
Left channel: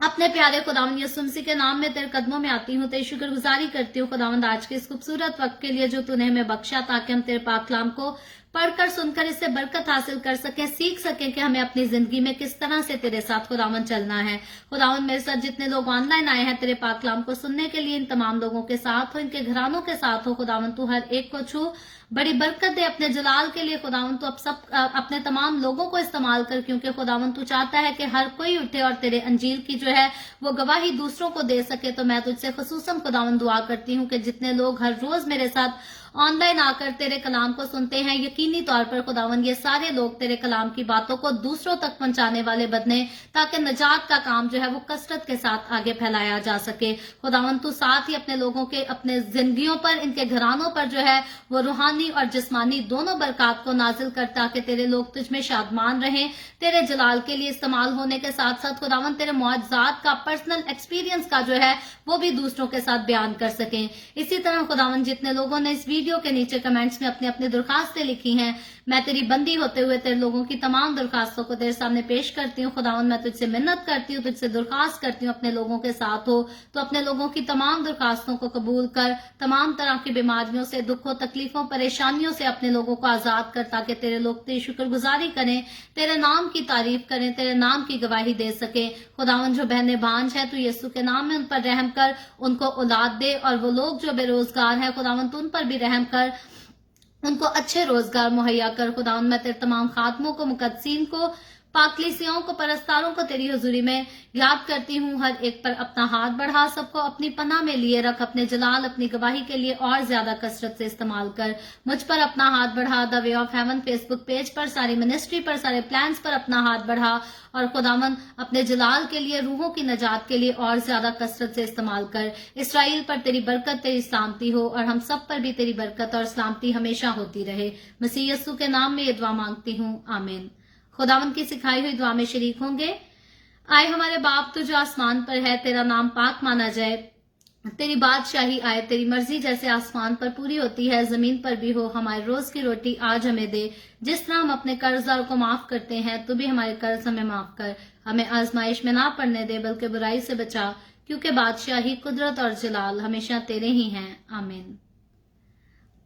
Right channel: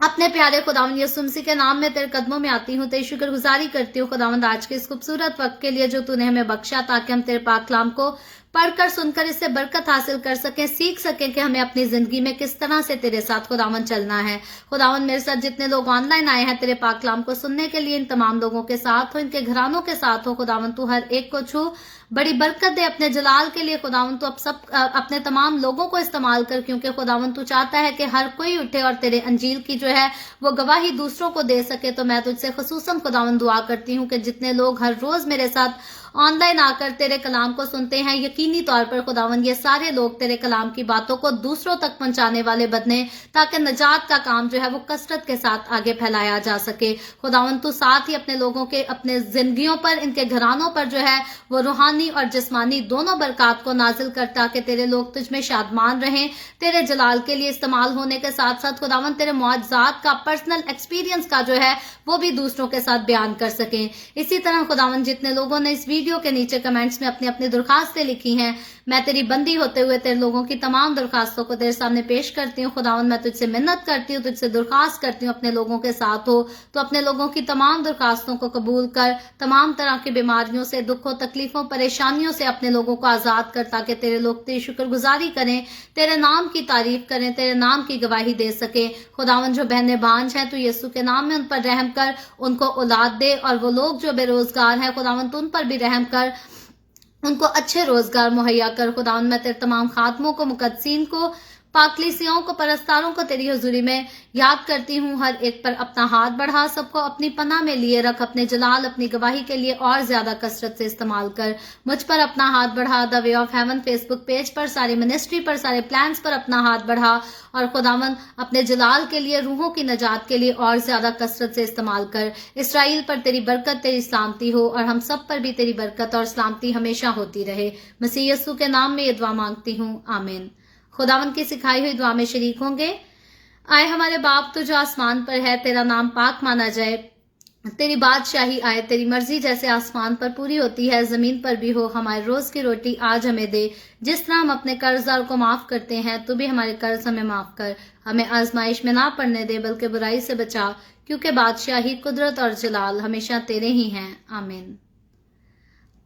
अपने प्यारे खुदावंद यीशु मसीह के नाम में तेरे कदमों में आती हूँ, तेरी शुक्रगुजारी करती हूँ खुदावंद आज के इस खूबसूरत वक्त के लिए जो तूने हमें बख्शा, ताकि हम तेरे पाक कलाम को पढ़कर सुनकर इससे बरकत हासिल कर सकें, सीख सकें कि हमें अपनी जिंदगी में किस तरह से तेरे साथ खुदावंद चलना है। खुदावंद मेरे साथ जितने लोग ऑनलाइन आए हैं तेरे पाक कलाम को सुनने के लिए, इन तमाम लोगों के साथ हो, इनके घरानों के साथ हो। खुदावंद तू हर एक को छू, बड़ी बरकत दे अपने जलाल के लिए। खुदावंद तू अब सब अपने तमाम लोगों को इस्तेमाल कर, क्योंकि खुदावंद तू चाहता है कि हर कोई उठे और तेरे अंजील की जो है वो गवाही दूसरों को दे सके। तो मैं तुझसे खुसूसन खुदावंद दुआ करती हूँ कि जितने लोग हर रोज मेरे साथ ऑनलाइन आकर तेरे कलाम को सुनते हैं, यकीनी तौर पर खुदावंद ये सारे लोग तेरे कलाम की बातों को दूसरों तक पहुंचाने वाले बने, ताकि नजात का काम जो है वो कसरत के साथ आगे फैलाया जा सके। खुदावंद तू साथ ही अपने लोगों के, अपने जिंदगियों पर, इनके घरानों पर जो है वो रूहानी और जिस्मानी दोनों बरकत को नाजिल कर, ताकि तेरे लोग तुझ में शादमान रहें, तेरे जलाल के लिए इस्तेमाल होने के साथ साथ खुदावंद तेरे मौजज़ात का, पर्सनल एक्सपीरियंस का जो है वो भी दूसरों के साथ बयान कर सकें। इसी तरह खुदावंद जितने लोगों ने इस वीडियो के नीचे कमेंट्स में अपनी अपनी दरखास्तें लिखी हैं, मैं तेरी बंदी होते हुए तेरे लोगों की तमाम दरखास्तों को तेरे सामने पेश करती हूँ। खुदावन मैं तुझसे मिन्नत करती हूँ, तुझसे दरखास्त करती हूँ, अपने लोगों के साथ हो। तो अपने लोगों की तमाम दरखास्तों को कबूल कर, तमाम तरह की बीमारियों से, दुखों, तकलीफों, परेशानियों से अपने लोगों को आजाद कर, ताकि तेरे लोग तेरी शुक्रगुजारी करें, तेरे नाम की तारीफ करें, तेरे नाम की गवाही दे सके। खुदावन जो बहनें बांझ हैं, तू यीशु के नाम में उन पर रहम कर, उनको औलाद दे। और वो लोग जो बेरोजगार हैं, खुदावन तू उन पर भी रहम कर, उनको अच्छे रोजगार मुहैया कर। खुदावन मैं तेरे तमाम खातमों को, मुकद्दसीन को, पाकलीसियों को, परस्तारों को तेरी हुजूरी में याद करती हूँ। हर एक पर अपना हाथ बढ़ा, सबको अपनी पनाह में लिए रख, अपने जलाल, अपनी गवाही के लिए और ज्यादा कसरत से इस्तेमाल कर। मुझ पर अपना हाथ बढ़ा, the way of haven Facebook page पर, सारी मिनिस्ट्री पर, सारे प्लान्स पर अपना हाथ बढ़ा, और खुदावन अपने जलाल के लिए, रूहों की नजात के लिए और ज्यादा कसरत से इस्तेमाल कर। इसराइल पर तेरी बरकत, तेरी सलामती हो, और हम सब पर भी तेरी बरकत और सलामती हमेशा होती रहे। मसीह यीशु के नाम में ये दुआ मांगती हूँ, आमीन। खुदावन की सिखाई हुई दुआ में शरीक होंगे। आए हमारे बाप तो जो आसमान पर है, तेरा नाम पाक माना जाए, तेरी बादशाही आए, तेरी मर्जी जैसे आसमान पर पूरी होती है जमीन पर भी हो। हमारे रोज की रोटी आज हमें दे, जिस तरह हम अपने कर्जदार को माफ करते हैं, तू भी हमारे कर्ज हमें माफ कर। हमें आजमाइश में ना पड़ने दे, बल्कि बुराई से बचा, क्योंकि बादशाही, कुदरत और जलाल हमेशा तेरे ही हैं, आमीन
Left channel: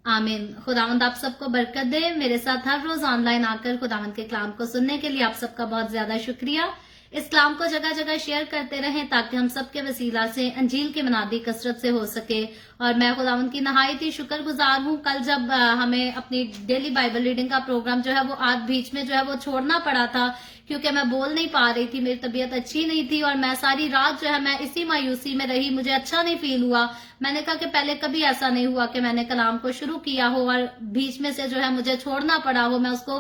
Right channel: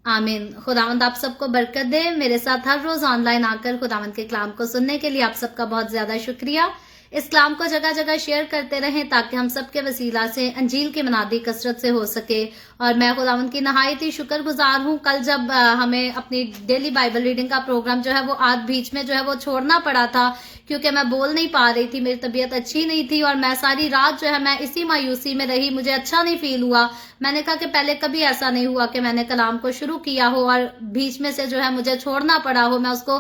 आमीन। खुदावंद आप सबको बरकत दे। मेरे साथ हर रोज ऑनलाइन आकर खुदावंद के कलाम को सुनने के लिए आप सबका बहुत ज्यादा शुक्रिया। इस कलाम को जगह जगह शेयर करते रहें, ताकि हम सबके वसीला से अंजील की मनादी कसरत से हो सके। और मैं खुदावंद की नहायत ही शुक्रगुजार हूँ। कल जब हमें अपनी डेली बाइबल रीडिंग का प्रोग्राम जो है वो आज बीच में जो है वो छोड़ना पड़ा था, क्योंकि मैं बोल नहीं पा रही थी, मेरी तबीयत अच्छी नहीं थी, और मैं सारी रात जो है मैं इसी मायूसी में रही, मुझे अच्छा नहीं फील हुआ। मैंने कहा कि पहले कभी ऐसा नहीं हुआ कि मैंने कलाम को शुरू किया हो और बीच में से जो है मुझे छोड़ना पड़ा हो, मैं उसको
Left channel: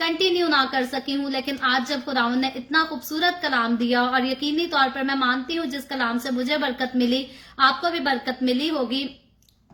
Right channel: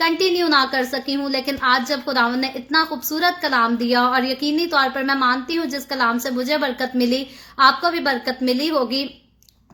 कंटिन्यू ना कर सकी हूँ। लेकिन आज जब खुदावन ने इतना खूबसूरत कलाम दिया, और यकीनी तौर पर मैं मानती हूँ जिस कलाम से मुझे बरकत मिली, आपको भी बरकत मिली होगी,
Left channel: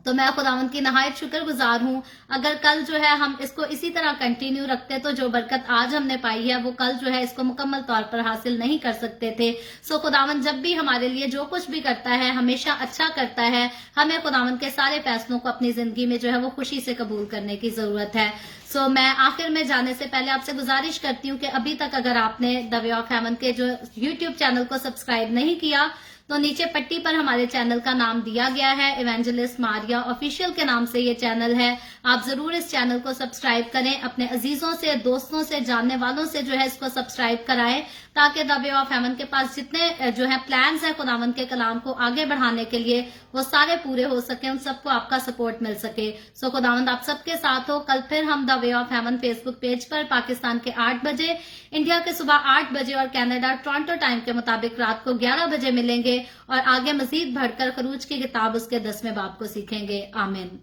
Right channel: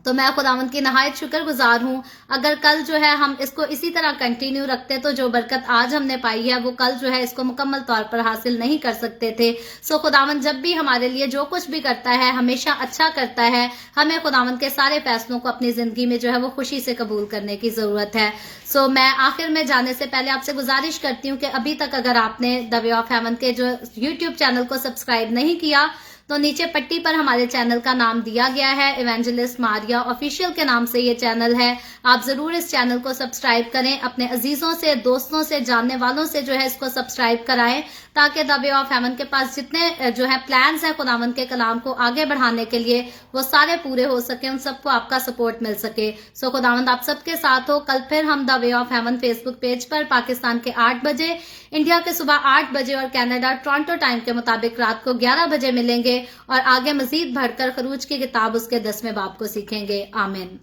तो मैं खुदावंद की नहायत शुक्रगुजार हूँ। अगर कल जो है हम इसको इसी तरह कंटिन्यू रखते, तो जो बरकत आज हमने पाई है वो कल जो है इसको मुकम्मल तौर पर हासिल नहीं कर सकते थे। सो खुदावंद जब भी हमारे लिए जो कुछ भी करता है हमेशा अच्छा करता है। हमें खुदावंद के सारे फैसलों को अपनी जिंदगी में जो है वो खुशी से कबूल करने की जरूरत है। सो मैं आखिर में जाने से पहले आपसे गुजारिश करती हूँ कि अभी तक अगर आपने द वे ऑफ हेवन के जो यूट्यूब चैनल को सब्सक्राइब नहीं किया, तो नीचे पट्टी पर हमारे चैनल का नाम दिया गया है, इवेंजलिस्ट मारिया ऑफिशियल के नाम से ये चैनल है। आप जरूर इस चैनल को सब्सक्राइब करें, अपने अजीजों से, दोस्तों से, जानने वालों से जो है इसको सब्सक्राइब कराएं, ताकि द वे ऑफ हेवन के पास जितने जो है प्लान्स है खुदावंद के कलाम को आगे बढ़ाने के लिए, वो सारे पूरे हो सके, उन सबको आपका सपोर्ट मिल सके। सो खुदावंद आप सबके साथ हो। कल फिर हम the way of haven Facebook page पर पाकिस्तान के 8 बजे, इंडिया के सुबह 8 बजे और कनाडा टोरंटो टाइम के मुताबिक रात को 11 बजे मिलेंगे, और आगे मजीद बढ़कर खरूज की किताब उसके 10वें बाब को सीखेंगे। आमीन।